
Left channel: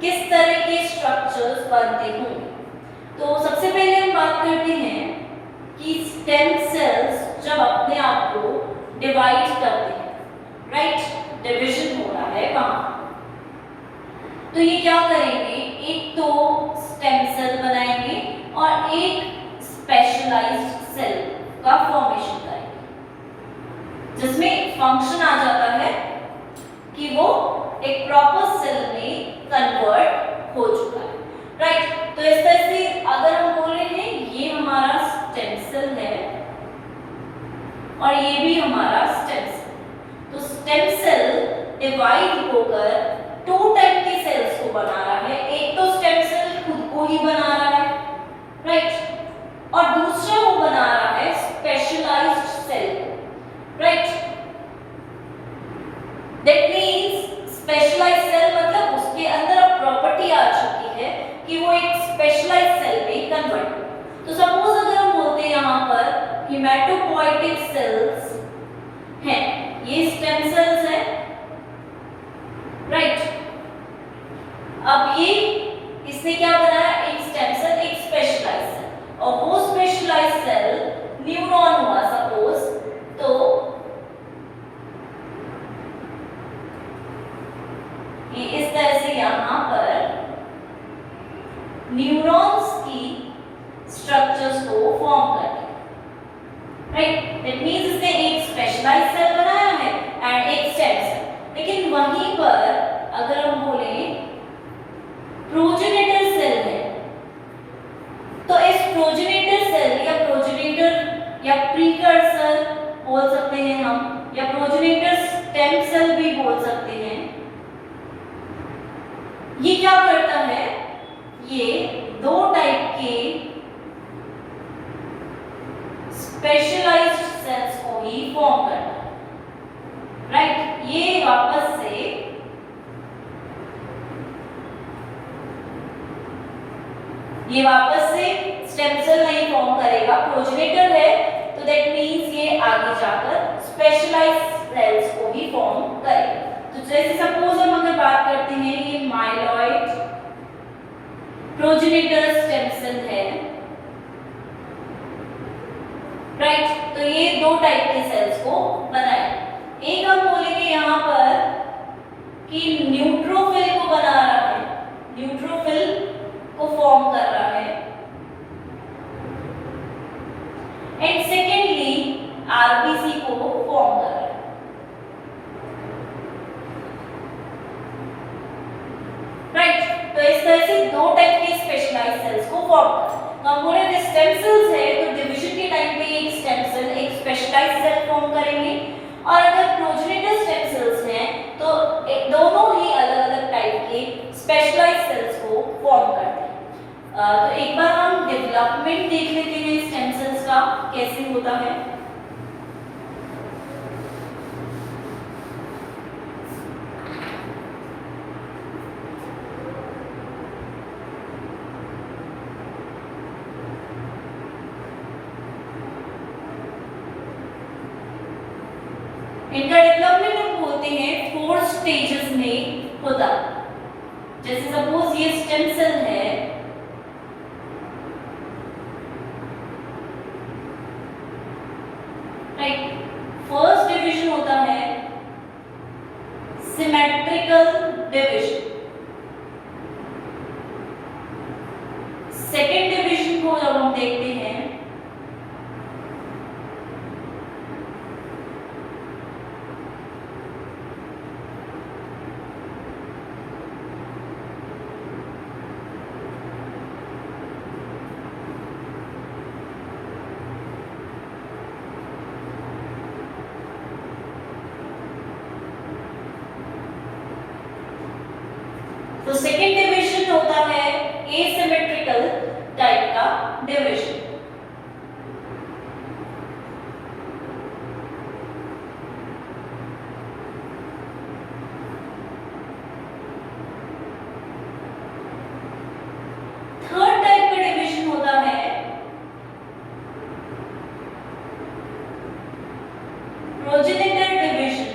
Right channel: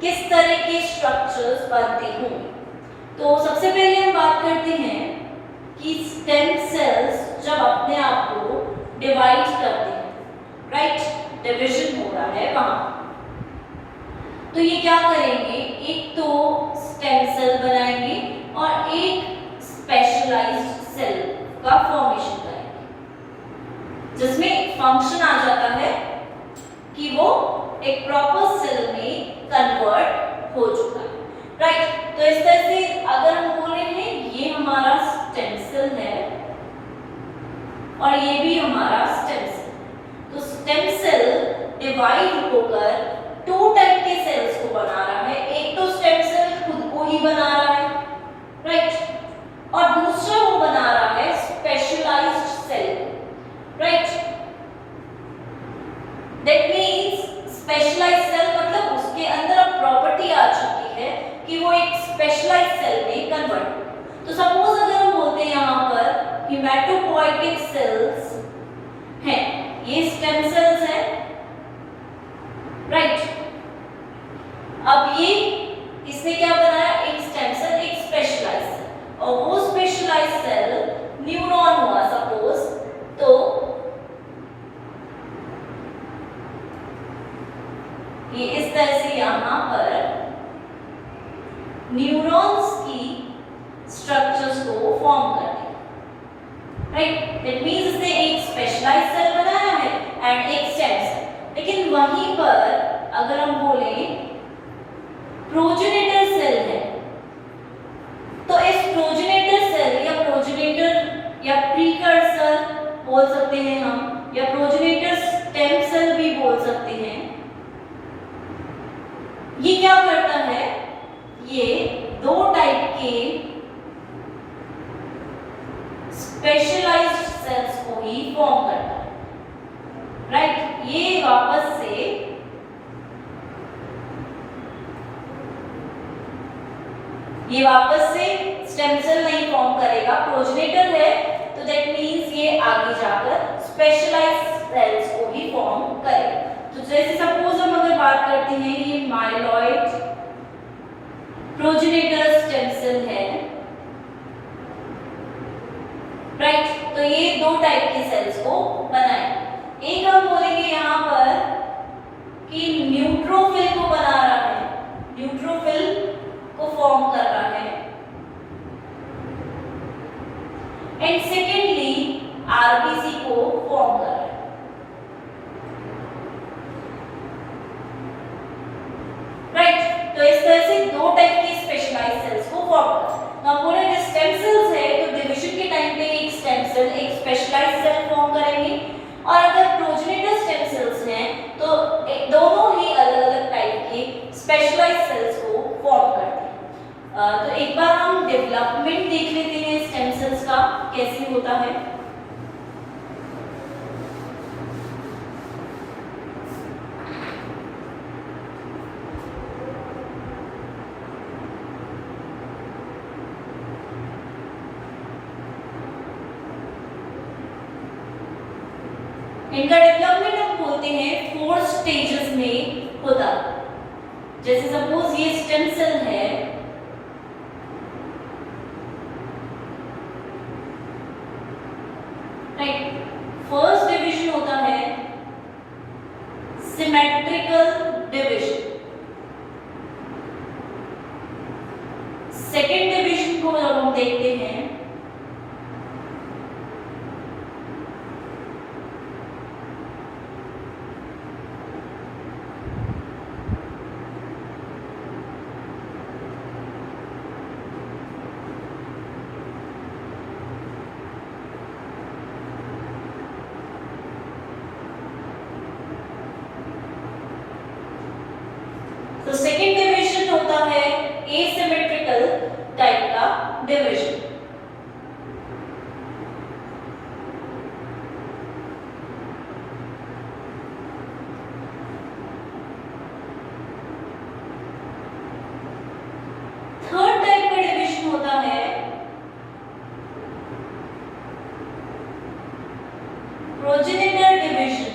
किस तरह के स्ट्रक्चर्स बनते हों। तो सबसे पहले हम बात करते हैं कि स्टेम सेल्स जब अपने आप को डिवाइड करते हैं, राइट, डिवीजन हो रहा है वहां, तो ये क्या करेंगे, एक तो स्टेम सेल बनाएंगे और एक स्पेशलाइज्ड सेल का फॉर्मेशन करेंगे, जिसमें फंक्शन आ जाता है कि वो एक प्रॉपर सेल में कन्वर्ट हो चुका है, राइट। तो इस तरह से अगर हम बोल रहे हैं ये हमारा स्टेम सेल है और ये भी हमारा स्टेम सेल, तो स्टेम सेल डिवाइड होकर टू टाइप के सेल्स को बना रहा है। एक तो स्टेम सेल खुद को ही बना रहा है, राइट, और दूसरा वो बना रहा है specialised cell, right. That means specialised cell मतलब उसके अंदर अब प्रॉपर्टी आ चुकी है कि वो एक स्पेशलाइज्ड सेल में कन्वर्ट। तो सपोज अगर हम बोलते हैं यहाँ पर हिमेटोपोइटिक सेल्स हैं, ये स्टेम सेल्स हैं, राइट। अब ये इसने क्या बनाया, एक स्टेम सेल, एक स्पेशलाइज्ड सेल, और वो स्पेशलाइज्ड सेल न्यूरॉन हुआ सपोज। तो ये इस तरह से यहाँ पर न्यूरॉन्स की स्ट्रक्चर्स को फॉर्म करते हैं, राइट। दैट मींस इसने एक स्पेशलाइज्ड सेल बनाया है एंड एक स्टेम सेल। लेकिन वहीं पर अगर हम बोले प्रोजेनेटर सेल है, तो इस प्रोजेनेटर सेल या प्रोजेनेटर या प्रीकर्सर बोल सकते हैं हम, या प्रोजेनेटर स्टेम सेल भी बोल सकते हैं। ये क्या करता है, ये दो टाइप के स्पेशलाइज्ड सेल्स को ही फॉर्म करता है, राइट। ये वापस से स्टेम सेल नहीं फॉर्म करेगा, प्रोजेनेटर है, तो दैट मींस ये आगे जाकर स्पेशलाइज्ड सेल्स को ही फॉर्म करेगा। तो जैसे सपोज हम अगर बात करते हैं, ये माइलॉइड प्रोजेनेटर स्टेम सेल है, राइट। तो ये दो टाइप के सेल्स को बनाए। एक हम बोलेंगे यहाँ पर कि न्यूट्रोफिल को बना रहा है, न्यूट्रोफिल को फॉर्म कर रहा है, एंड सेकेंडली आरबीसी को फॉर्म कर रहा है, राइट। तो इस तरह से दो टाइप के स्पेशलाइज्ड सेल्स को फॉर्म कर। तो हम बोले जो स्टेम सेल्स है, तो डिवीजन के टाइम पे एक स्टेम सेल एक स्पेशलाइज्ड सेल फॉर्म करेंगे, और अगर प्रोजेनेटर स्टेम सेल्स हैं तो दोनों ही अलग अलग टाइप के स्पेशलाइज्ड सेल्स को फॉर्म करते हैं। तो एक बार हम डेवलपमेंट देख लेते हैं स्टेम सेल्स का कैसे होता है। इनका डेवलपमेंट हम बोलते हैं 4 स्टेजेस में होता है। जैसे सपोज ये स्टेम सेल है, राइट। फर्स्ट डिवीजन होता है सिमेट्रिकल डिवीजन, सेकेंड डिवीजन को जब हम देखते हैं तो सेकेंड डिवीजन होता है एसिमेट्रिकल टाइप का डिवीजन। थर्ड टाइप का डिवीजन होता है progenitor division,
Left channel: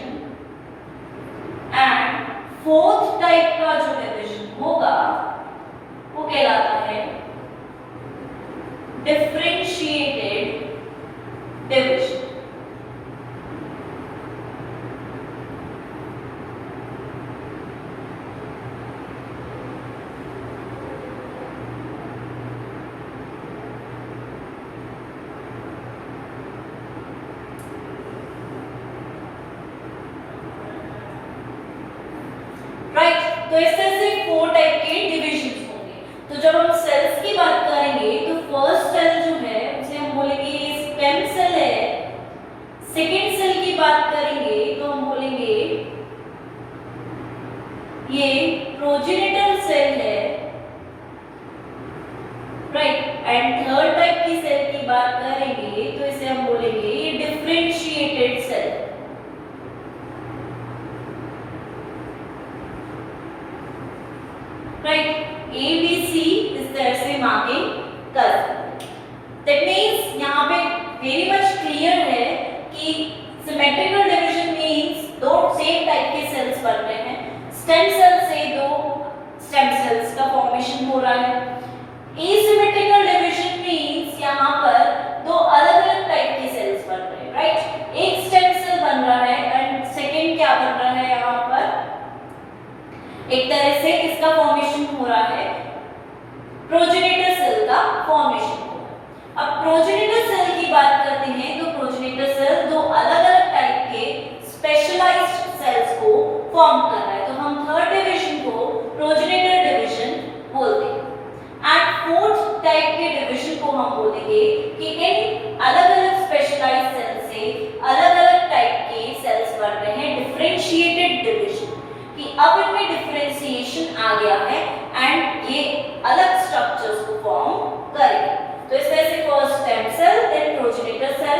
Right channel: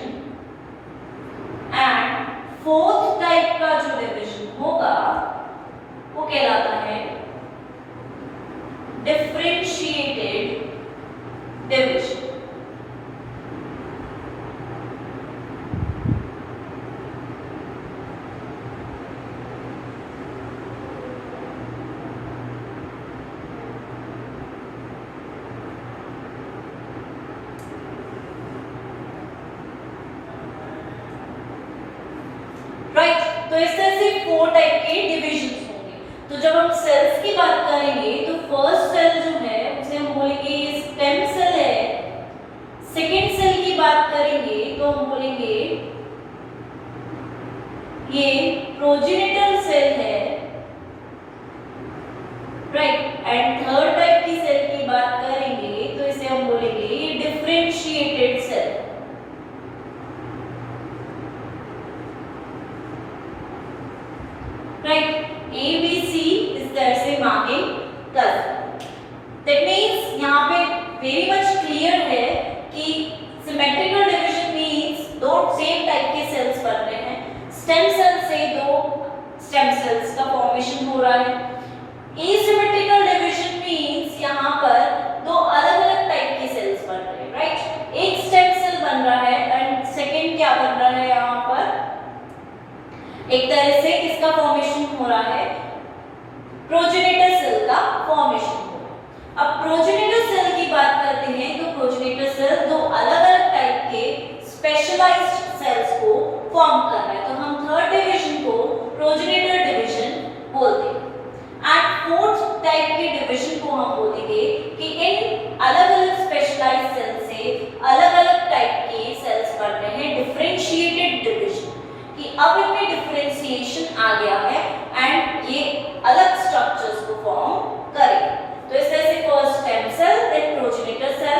and fourth type का जो डिवीजन होगा वो कहलाता है डिफरेंशिएटेड डिवीजन। राइट। तो इस तरह से 4 टाइप के डिविजन्स होंगे। तो जब हम सेल्स की बात करेंगे तो फर्स्ट सेल जो है उसे हम बोलेंगे ये स्टेम सेल है। सेकेंड सेल की बात करेंगे तो हम बोलेंगे ये प्रोजेनेटर सेल है, राइट। एंड थर्ड टाइप की सेल की बात करेंगे तो इसे हम बोलेंगे ये डिफरेंशिएटेड सेल। राइट, ABC इस तरह से दैट मीन्स यहाँ पे वेरी मच क्लियर है कि सिमेट्रिकल डिवीजन मीन्स दो सेम टाइप के सेल्स बन रहे हैं। स्टेम सेल से दो स्टेम सेल्स का फॉर्मेशन हो रहा है। एसिमेट्रिकल डिवीजन मीन्स यहाँ पर दो अलग अलग टाइप के सेल्स बन रहे हैं, राइट। एक स्टेम सेल बन रहा है एंड सेकेंड क्या बन रहा है, यहाँ पर एक तरह से किसका फॉर्मेशन हो रहा है, प्रोजेनिटर सेल का फॉर्मेशन। अब प्रोजेनिटर सेल की बात करते हैं तो प्रोजेनिटर सेल दो अलग अलग टाइप के स्पेशलाइज्ड सेल्स को फॉर्म कर रहा है, तो हम थर्ड डिवीजन को प्रोजेनिटर डिवीजन बोलते हैं। एंड फोर्थ टाइप के डिवीजन को हम बोलेंगे कि इन अलग अलग स्पेशलाइज्ड सेल से अलग अलग टाइप के सेल्स बन रहे हैं, डिफरेंशिएटेड डिवीजन, कि अब इनमें डिफरेंशिएशन आ गया है एंड ये अलग स्ट्रक्चर्स को फॉर्म करेंगे। तो इस तरह से first stem cell, then progenitor cell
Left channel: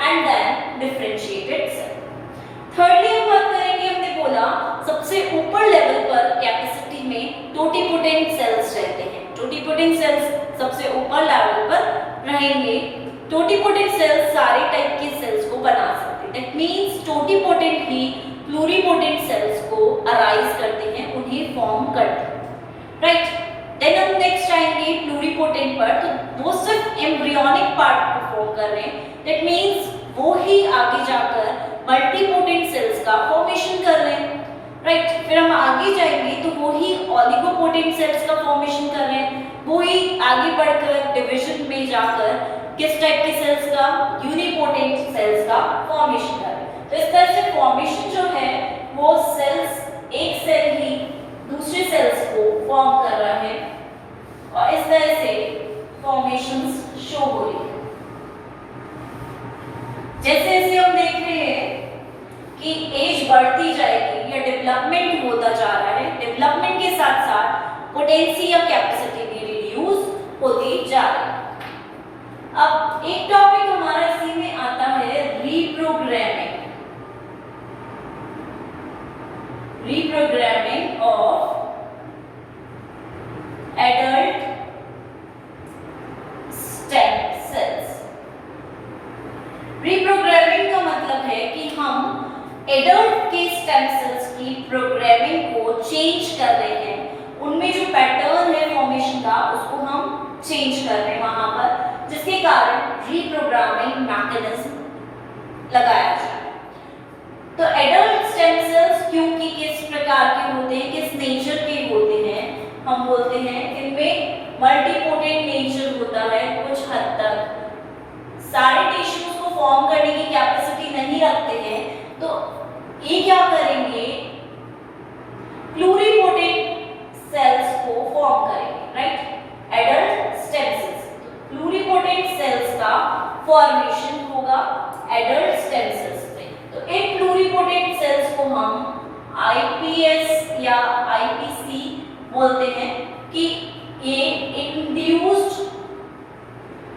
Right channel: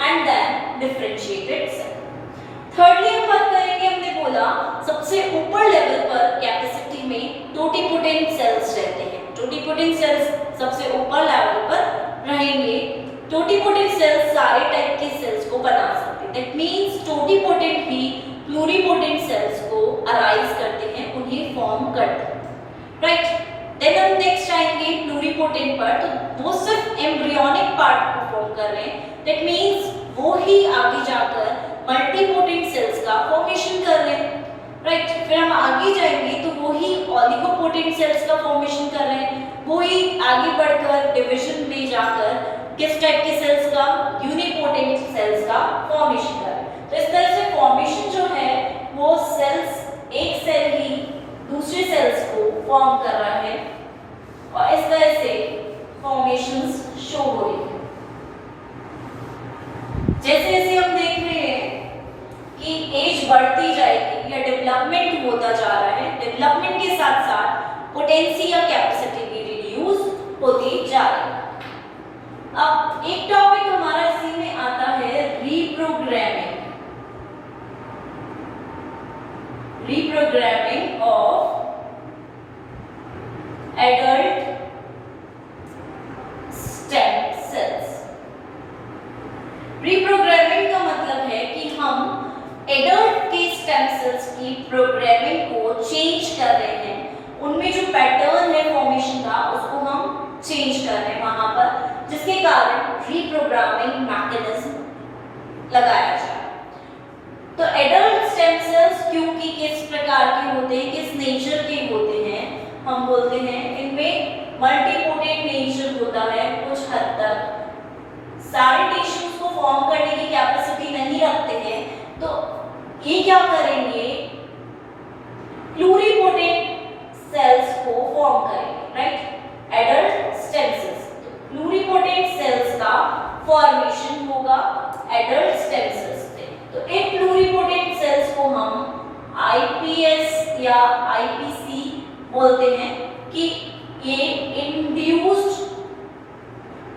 and then differentiated cell. Thirdly हम बात करेंगे, हमने बोला सबसे ऊपर लेवल पर कैपेसिटी में टोटिपोटेंट सेल्स रहते हैं। टोटिपोटेंट सेल्स सबसे ऊपर लेवल पर रहेंगे। टोटिपोटेंट सेल्स सारे टाइप के सेल्स को बना सकते हैं। दैट मींस टोटिपोटेंट ही प्लूरिपोटेंट सेल्स को अराइज करते हैं, उन्हें फॉर्म करते हैं, राइट। देन हम नेक्स्ट आएंगे प्लूरिपोटेंट पर, तो वो सिर्फ एम्ब्रियोनिक पार्ट को फॉर्म कर रहे हैं। दैट मींस वो ही आगे जाकर मल्टीपोटेंट सेल्स का फॉर्मेशन कर रहे हैं, राइट। फिर हम आगे जाएंगे तो वो ही ऑलिगोपोटेंट सेल्स का फॉर्मेशन कर रहे हैं, वो ही आगे बढ़कर डिवीजन में जाकर किस टाइप के सेल्स का, यूनिपोटेंट सेल्स का फॉर्मेशन कर रहे हैं। तो इस तरह से फॉर्मेशन जो है वो सेल्स, एक सेल ही दूसरे सेल्स को फॉर्म कर रहा है और इस तरह से फॉर्मेशंस शो हो रही है। जैसे जैसे हम देख रहे हैं कि एज बढ़ती जाएगी या डेवलपमेंट होता जा रहा है, डेवलपमेंट के साथ साथ पोटेंसी या कैपेसिटी भी रिड्यूस होती जा रही है। अब एक टॉपिक हमारा इसी में आता है reprogramming, reprogramming of adult stem sales. Reprogramming का मतलब है कि हम एडल्ट के स्टेम सेल्स की प्रोग्रामिंग को चेंज कर रहे हैं, उनमें जो पैटर्न है फॉर्मेशन का उसको हम चेंज कर रहे हैं वहां पर, जिसके कारण रीप्रोग्रामिंग मैकेनिज्म लगाया जाए। तो एडल्ट स्टेम सेल्स क्योंकि किस प्रकार के होते हैं, किस नेचर के होते हैं, हम बोलते हैं इनमें मल्टीपोटेंट नेचर होता है। कुछ हद तक सारे टिश्यूज को फॉर्म करने की कैपेसिटी नहीं रखते हैं, तो ये क्या करेंगे, प्लूरिपोटेंट सेल्स को फॉर्म करेंगे, right. Adult stem cells, pluripotent cells का फॉर्मेशन होगा एडल्ट स्टेम सेल्स से। तो इन प्लूरिपोटेंट सेल्स को हम आईपीएस या आईपीसी बोलते हैं कि ये इंड्यूस्ड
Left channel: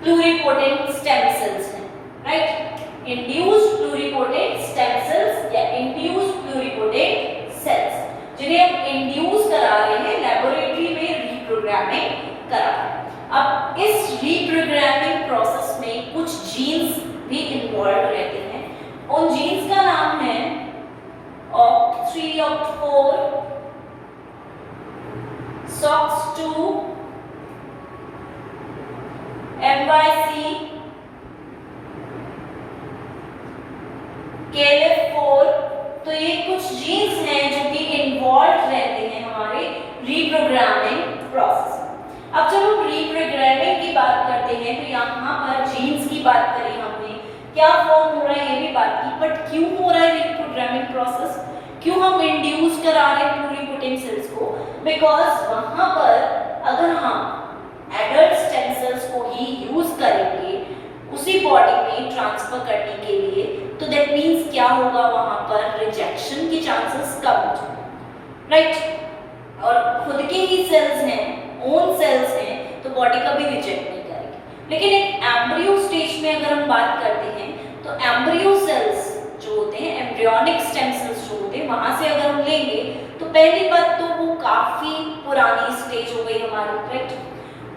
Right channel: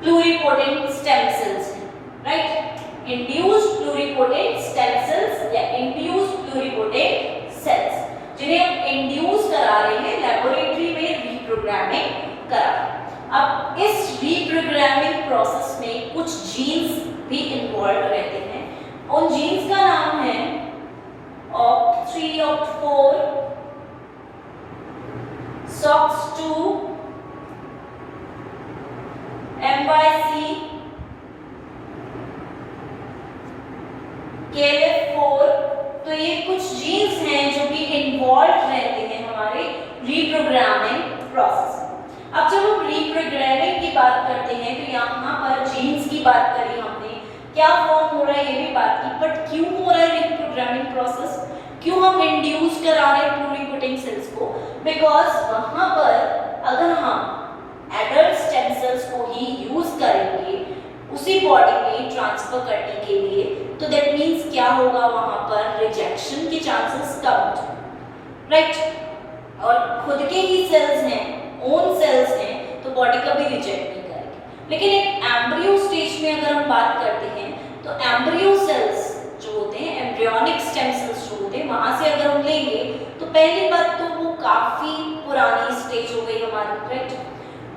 प्लूरिपोटेंट स्टेम सेल्स हैं, right. Induced pluripotent stem cells या इंड्यूस्ड प्लूरिपोटेंट सेल्स, जिन्हें हम इंड्यूस करा रहे हैं, लेबोरेटरी में रीप्रोग्रामिंग करा रहे हैं। अब इस रीप्रोग्रामिंग प्रोसेस में कुछ जीन्स भी इन्वॉल्व रहते हैं। उन जीन्स का नाम है OCT3, OCT4, SOX2, MYC, KLF4। तो ये कुछ जीन्स हैं जो कि इन्वॉल्व रहते हैं हमारे रीप्रोग्रामिंग प्रोसेस। अब जब हम रीप्रोग्रामिंग की बात करते हैं तो यहाँ पर जीन्स की बात करी हमने, क्या फॉर्म हो रहा है ये भी बात की, बट क्यों हो रहा है रीप्रोग्रामिंग प्रोसेस, क्यों हम इंड्यूस करा रहे हैं प्लूरिपोटेंट सेल्स को, बिकॉज वहां पर अगर हम एडल्ट स्टेम सेल्स को ही यूज करेंगे उसी बॉडी में ट्रांसफर करने के लिए, तो दैट मीन्स क्या होगा, वहां पर रिजेक्शन के चांसेस कम हो जाएंगे, राइट। और खुद के ही सेल्स हैं, ओन सेल्स हैं, तो बॉडी कभी रिजेक्ट नहीं करेगी। लेकिन एक एम्ब्रियो स्टेज में अगर हम बात करते हैं तो एम्ब्रियो सेल्स जो होते हैं, एम्ब्रियोनिक स्टेम सेल्स जो होते हैं, वहां से अगर हम लेंगे तो पहली बात तो वो काफी पुरानी स्टेज हो गई हमारी, राइट।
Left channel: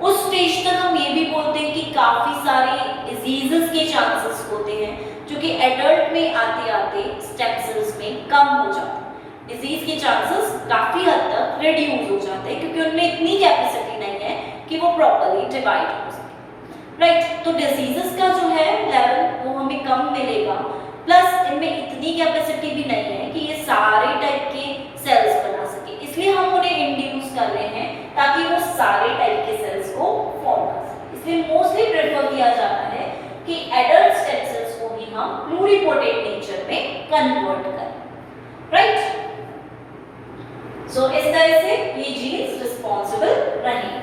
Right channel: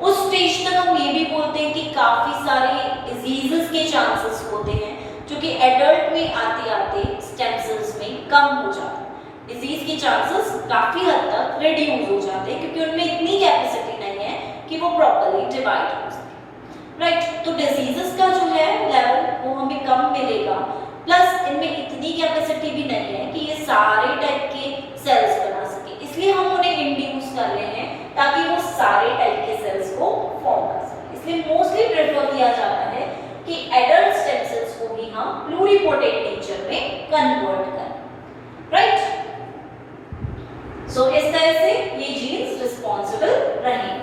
उस स्टेज तक हम ये भी बोलते हैं कि काफी सारे डिजीजेस के चांसेस होते हैं जो कि एडल्ट में आते आते स्टेम सेल्स में कम हो जाते हैं। डिजीज के चांसेस काफी हद तक रिड्यूस हो जाते हैं क्योंकि उनमें इतनी कैपेसिटी नहीं है कि वो प्रॉपर्ली डिवाइड हो सके। राइट, तो डिजीजेस का जो है लेवल वो हमें कम मिलेगा, प्लस इनमें इतनी कैपेसिटी भी नहीं है कि ये सारे टाइप के सेल्स बना सके, इसलिए हम उन्हें इंड्यूस कर रहे हैं ताकि वो सारे टाइप के सेल्स को फॉर्म कर सके। इसलिए मोस्टली प्रेफर किया जाता है कि एडल्ट स्टेम सेल्स को ही हम प्लूरिपोटेंट नेचर में कन्वर्ट करें। राइट, सो इस तरह से ये जीन्स रिस्पॉन्सिबल रहेंगे।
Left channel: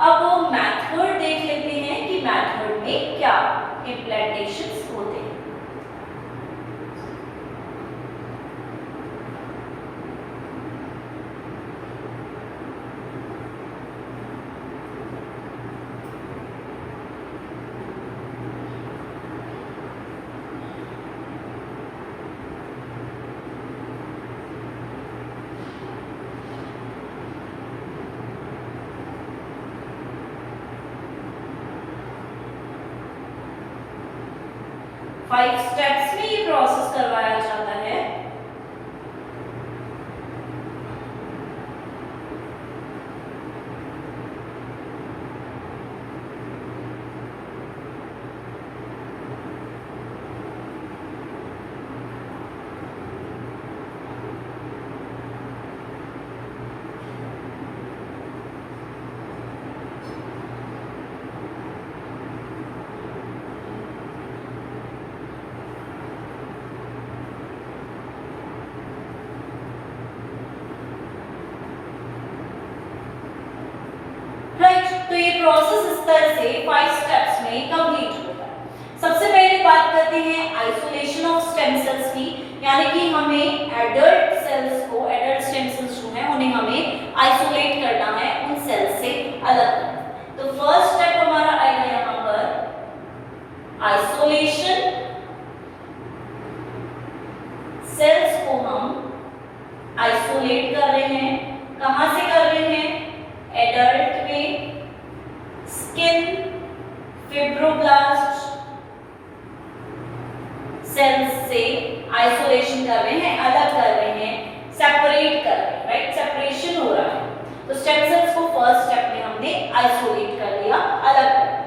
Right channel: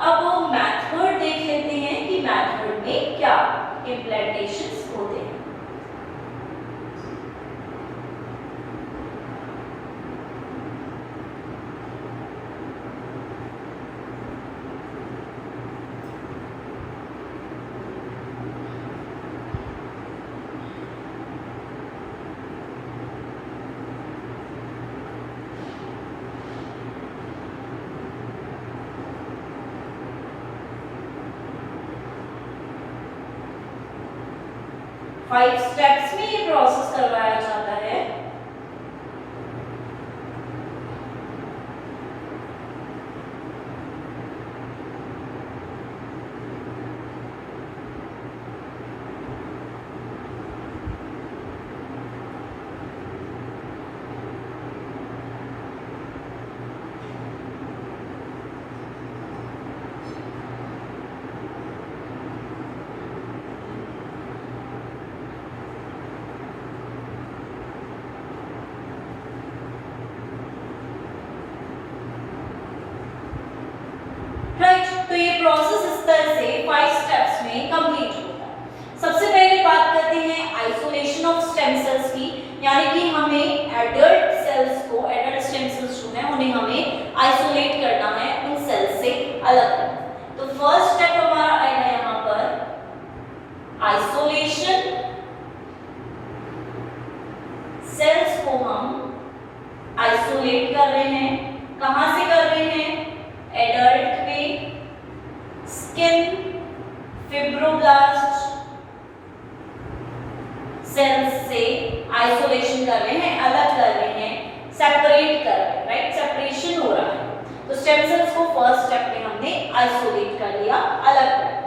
अब वो मेथड देख लेते हैं कि मेथड में क्या इम्प्लांटेशंस होते हैं। फाइव स्टेप्स में ये प्रोसेस करवाया जाता है। तो ये प्रोसेस इस तरह से 5 स्टेप्स में कंप्लीट होता है। सबसे पहले बात करते हैं आइसोलेशन ऑफ स्टेम सेल्स की, यानी कि हमें एडल्ट सेल्स को, एडल्ट स्टेम सेल्स जो हैं उन्हें हमें आइसोलेट करना है, उन सेल्स से अलग करना है। तो फर्स्ट स्टेप हमारा आएगा यहाँ पर आइसोलेशन। सेल्स को हम आइसोलेट कर रहे हैं, कहां से कर रहे हैं? एडल्ट में स्किन फिब्रोब्लास्ट सेल्स से आइसोलेशन कर रहे हैं, अलग कर रहे हैं, सेपरेट कर रहे हैं। राइट, सेपरेशन हो रहा है। तो स्टेम सेल्स को फर्स्ट स्टेप में हमने आइसोलेट कर लिया, अलग कर लिया।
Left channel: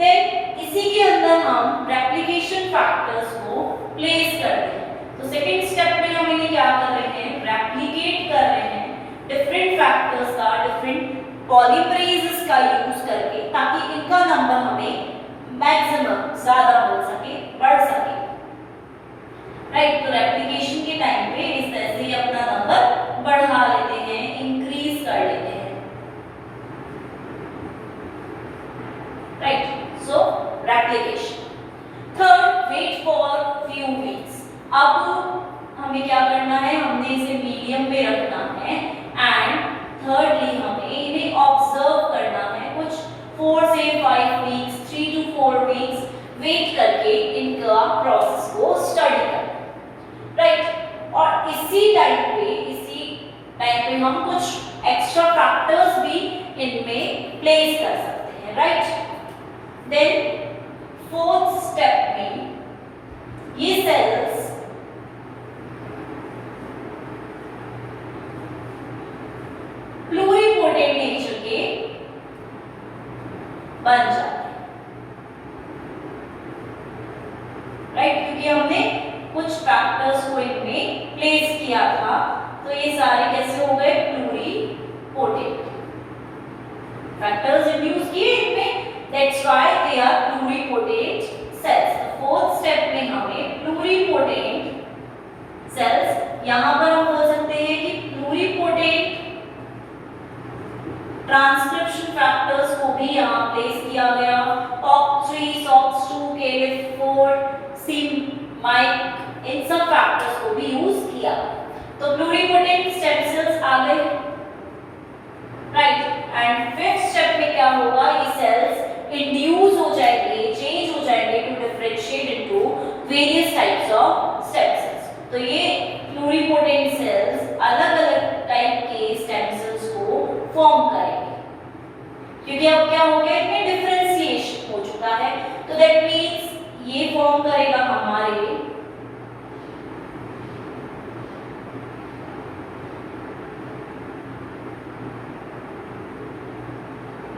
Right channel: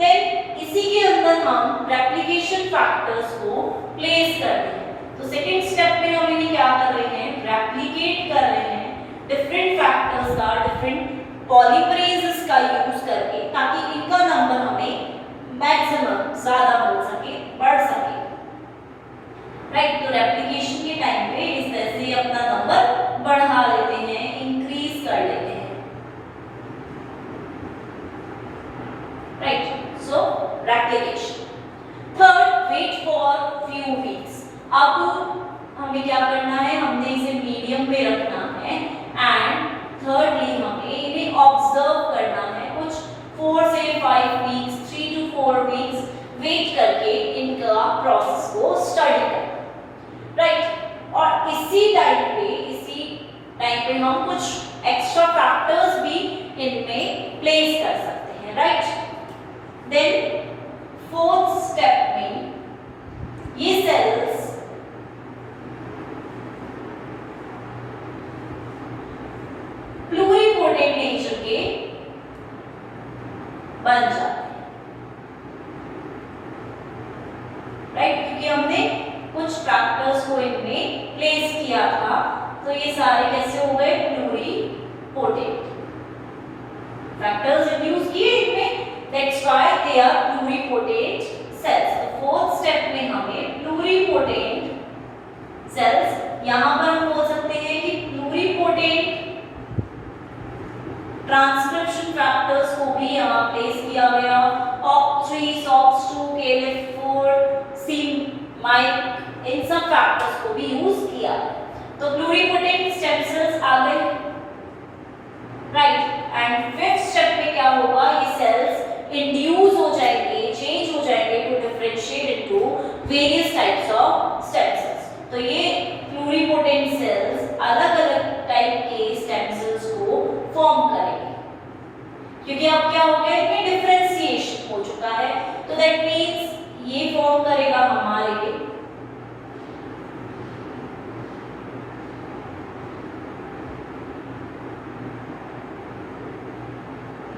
देन इसी के अंदर हम रेप्लिकेशन फैक्टर्स को प्लेस कर रहे हैं। तो सेकंड स्टेप में हम इन्हें क्या कर रहे हैं? रेप्लिकेट कर रहे हैं डिफरेंट फैक्टर्स का, डिफरेंट पॉलीमरेजेस का यूज करके, ताकि इनका नंबर हमें मैक्सिमम ज्यादा मिल सके, बढ़ सके। राइट, तो रेप्लिकेशन के टाइम पे इस तरह से अपना नंबर बढ़ा लेते हैं, इंक्रीज कर लेते हैं। Right, so replication. Third, wait for few weeks. अब हमें क्या करना है? हमने इसे मीडियम पे रखना है एंड थर्डली हमें इन्हें ऑब्जर्व करना है कुछ 4 से 5 वीक्स, 3 to 4 वीक्स वेट करके इनका प्रोसेस को स्टडी करना। राइट, और इसी टाइम पे हम कुछ एक्स्ट्रा फैक्टर्स भी इनमें प्लेस कर सकते हैं। राइट, देन फोर्थ स्टेप में ये सेल्स प्लूरिपोटेंट नेचर के बन जाते हैं। राइट, क्योंकि हमने कुछ फैक्टर्स को इनमें प्लेस किया था, तो ये सारे कैसे हो गए? प्लूरिपोटेंट फैक्टर्स इंट्रोड्यूस किए इनमें, that's why they are pluripotent cells. Fourth step में हमें प्लूरिपोटेंट सेल्स, यहां पर हम बोल सकते हैं कि प्लूरिपोटेंट ट्रांसक्रिप्शन फैक्टर्स को भी यहाँ प्लेस किया गया। OCT3, SOX2, KLF4, C-MYC, इन सब फैक्टर्स को भी यूज किया। तो प्लूरिपोटेंट स्टेम सेल्स आ गए। राइट, एंड फिफ्थ स्टेप में क्या होगा? ये सेल्स इंड्यूस हो जाएंगे, चेंज हो जाएंगे to differentiate into various types of stem cells. तो ये प्लूरिपोटेंट सेल्स अलग-अलग टाइप के स्टेम सेल्स को फॉर्म करेंगे, क्योंकि अब क्या दैट मीन्स ये फॉर्म करेगा हमारे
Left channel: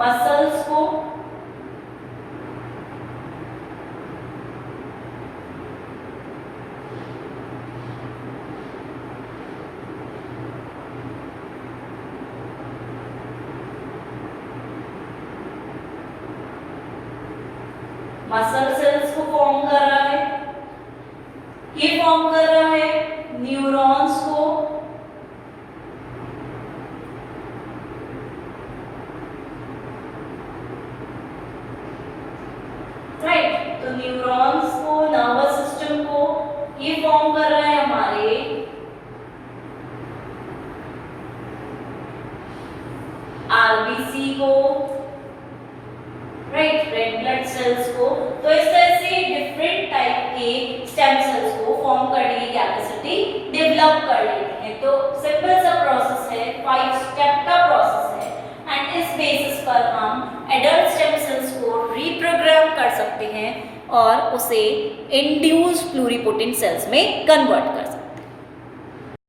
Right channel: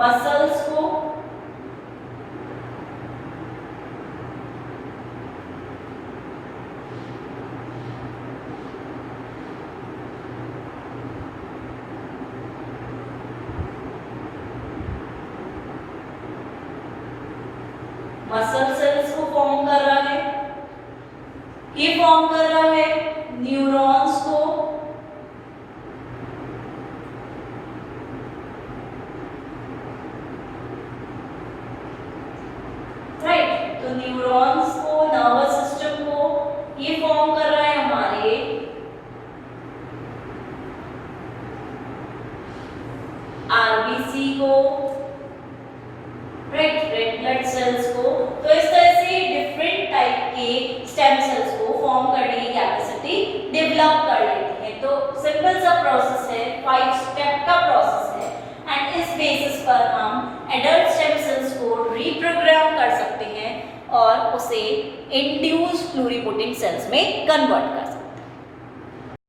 मसल्स को, मसल सेल्स को फॉर्म कर रहा है, ये फॉर्म कर रहा है न्यूरॉन्स को, राइट। तो न्यूरॉन्स को, नर्वस सिस्टम को, ये फॉर्म कर रहा है हमारे आरबीसी को, राइट, रेड ब्लड सेल्स को। तो इस तरह से डिफरेंट टाइप के स्टेम सेल्स को फॉर्म करने की कैपेसिटी डेवलप कर लेते हैं। तो सिंपल सा प्रोसेस है, 5 स्टेप का प्रोसेस है एंड इस बेसिस पर हम एडल्ट स्टेम सेल्स को रीप्रोग्राम कर सकते हैं और उसे इंड्यूस्ड प्लूरिपोटेंट सेल्स में कन्वर्ट कर सकते हैं।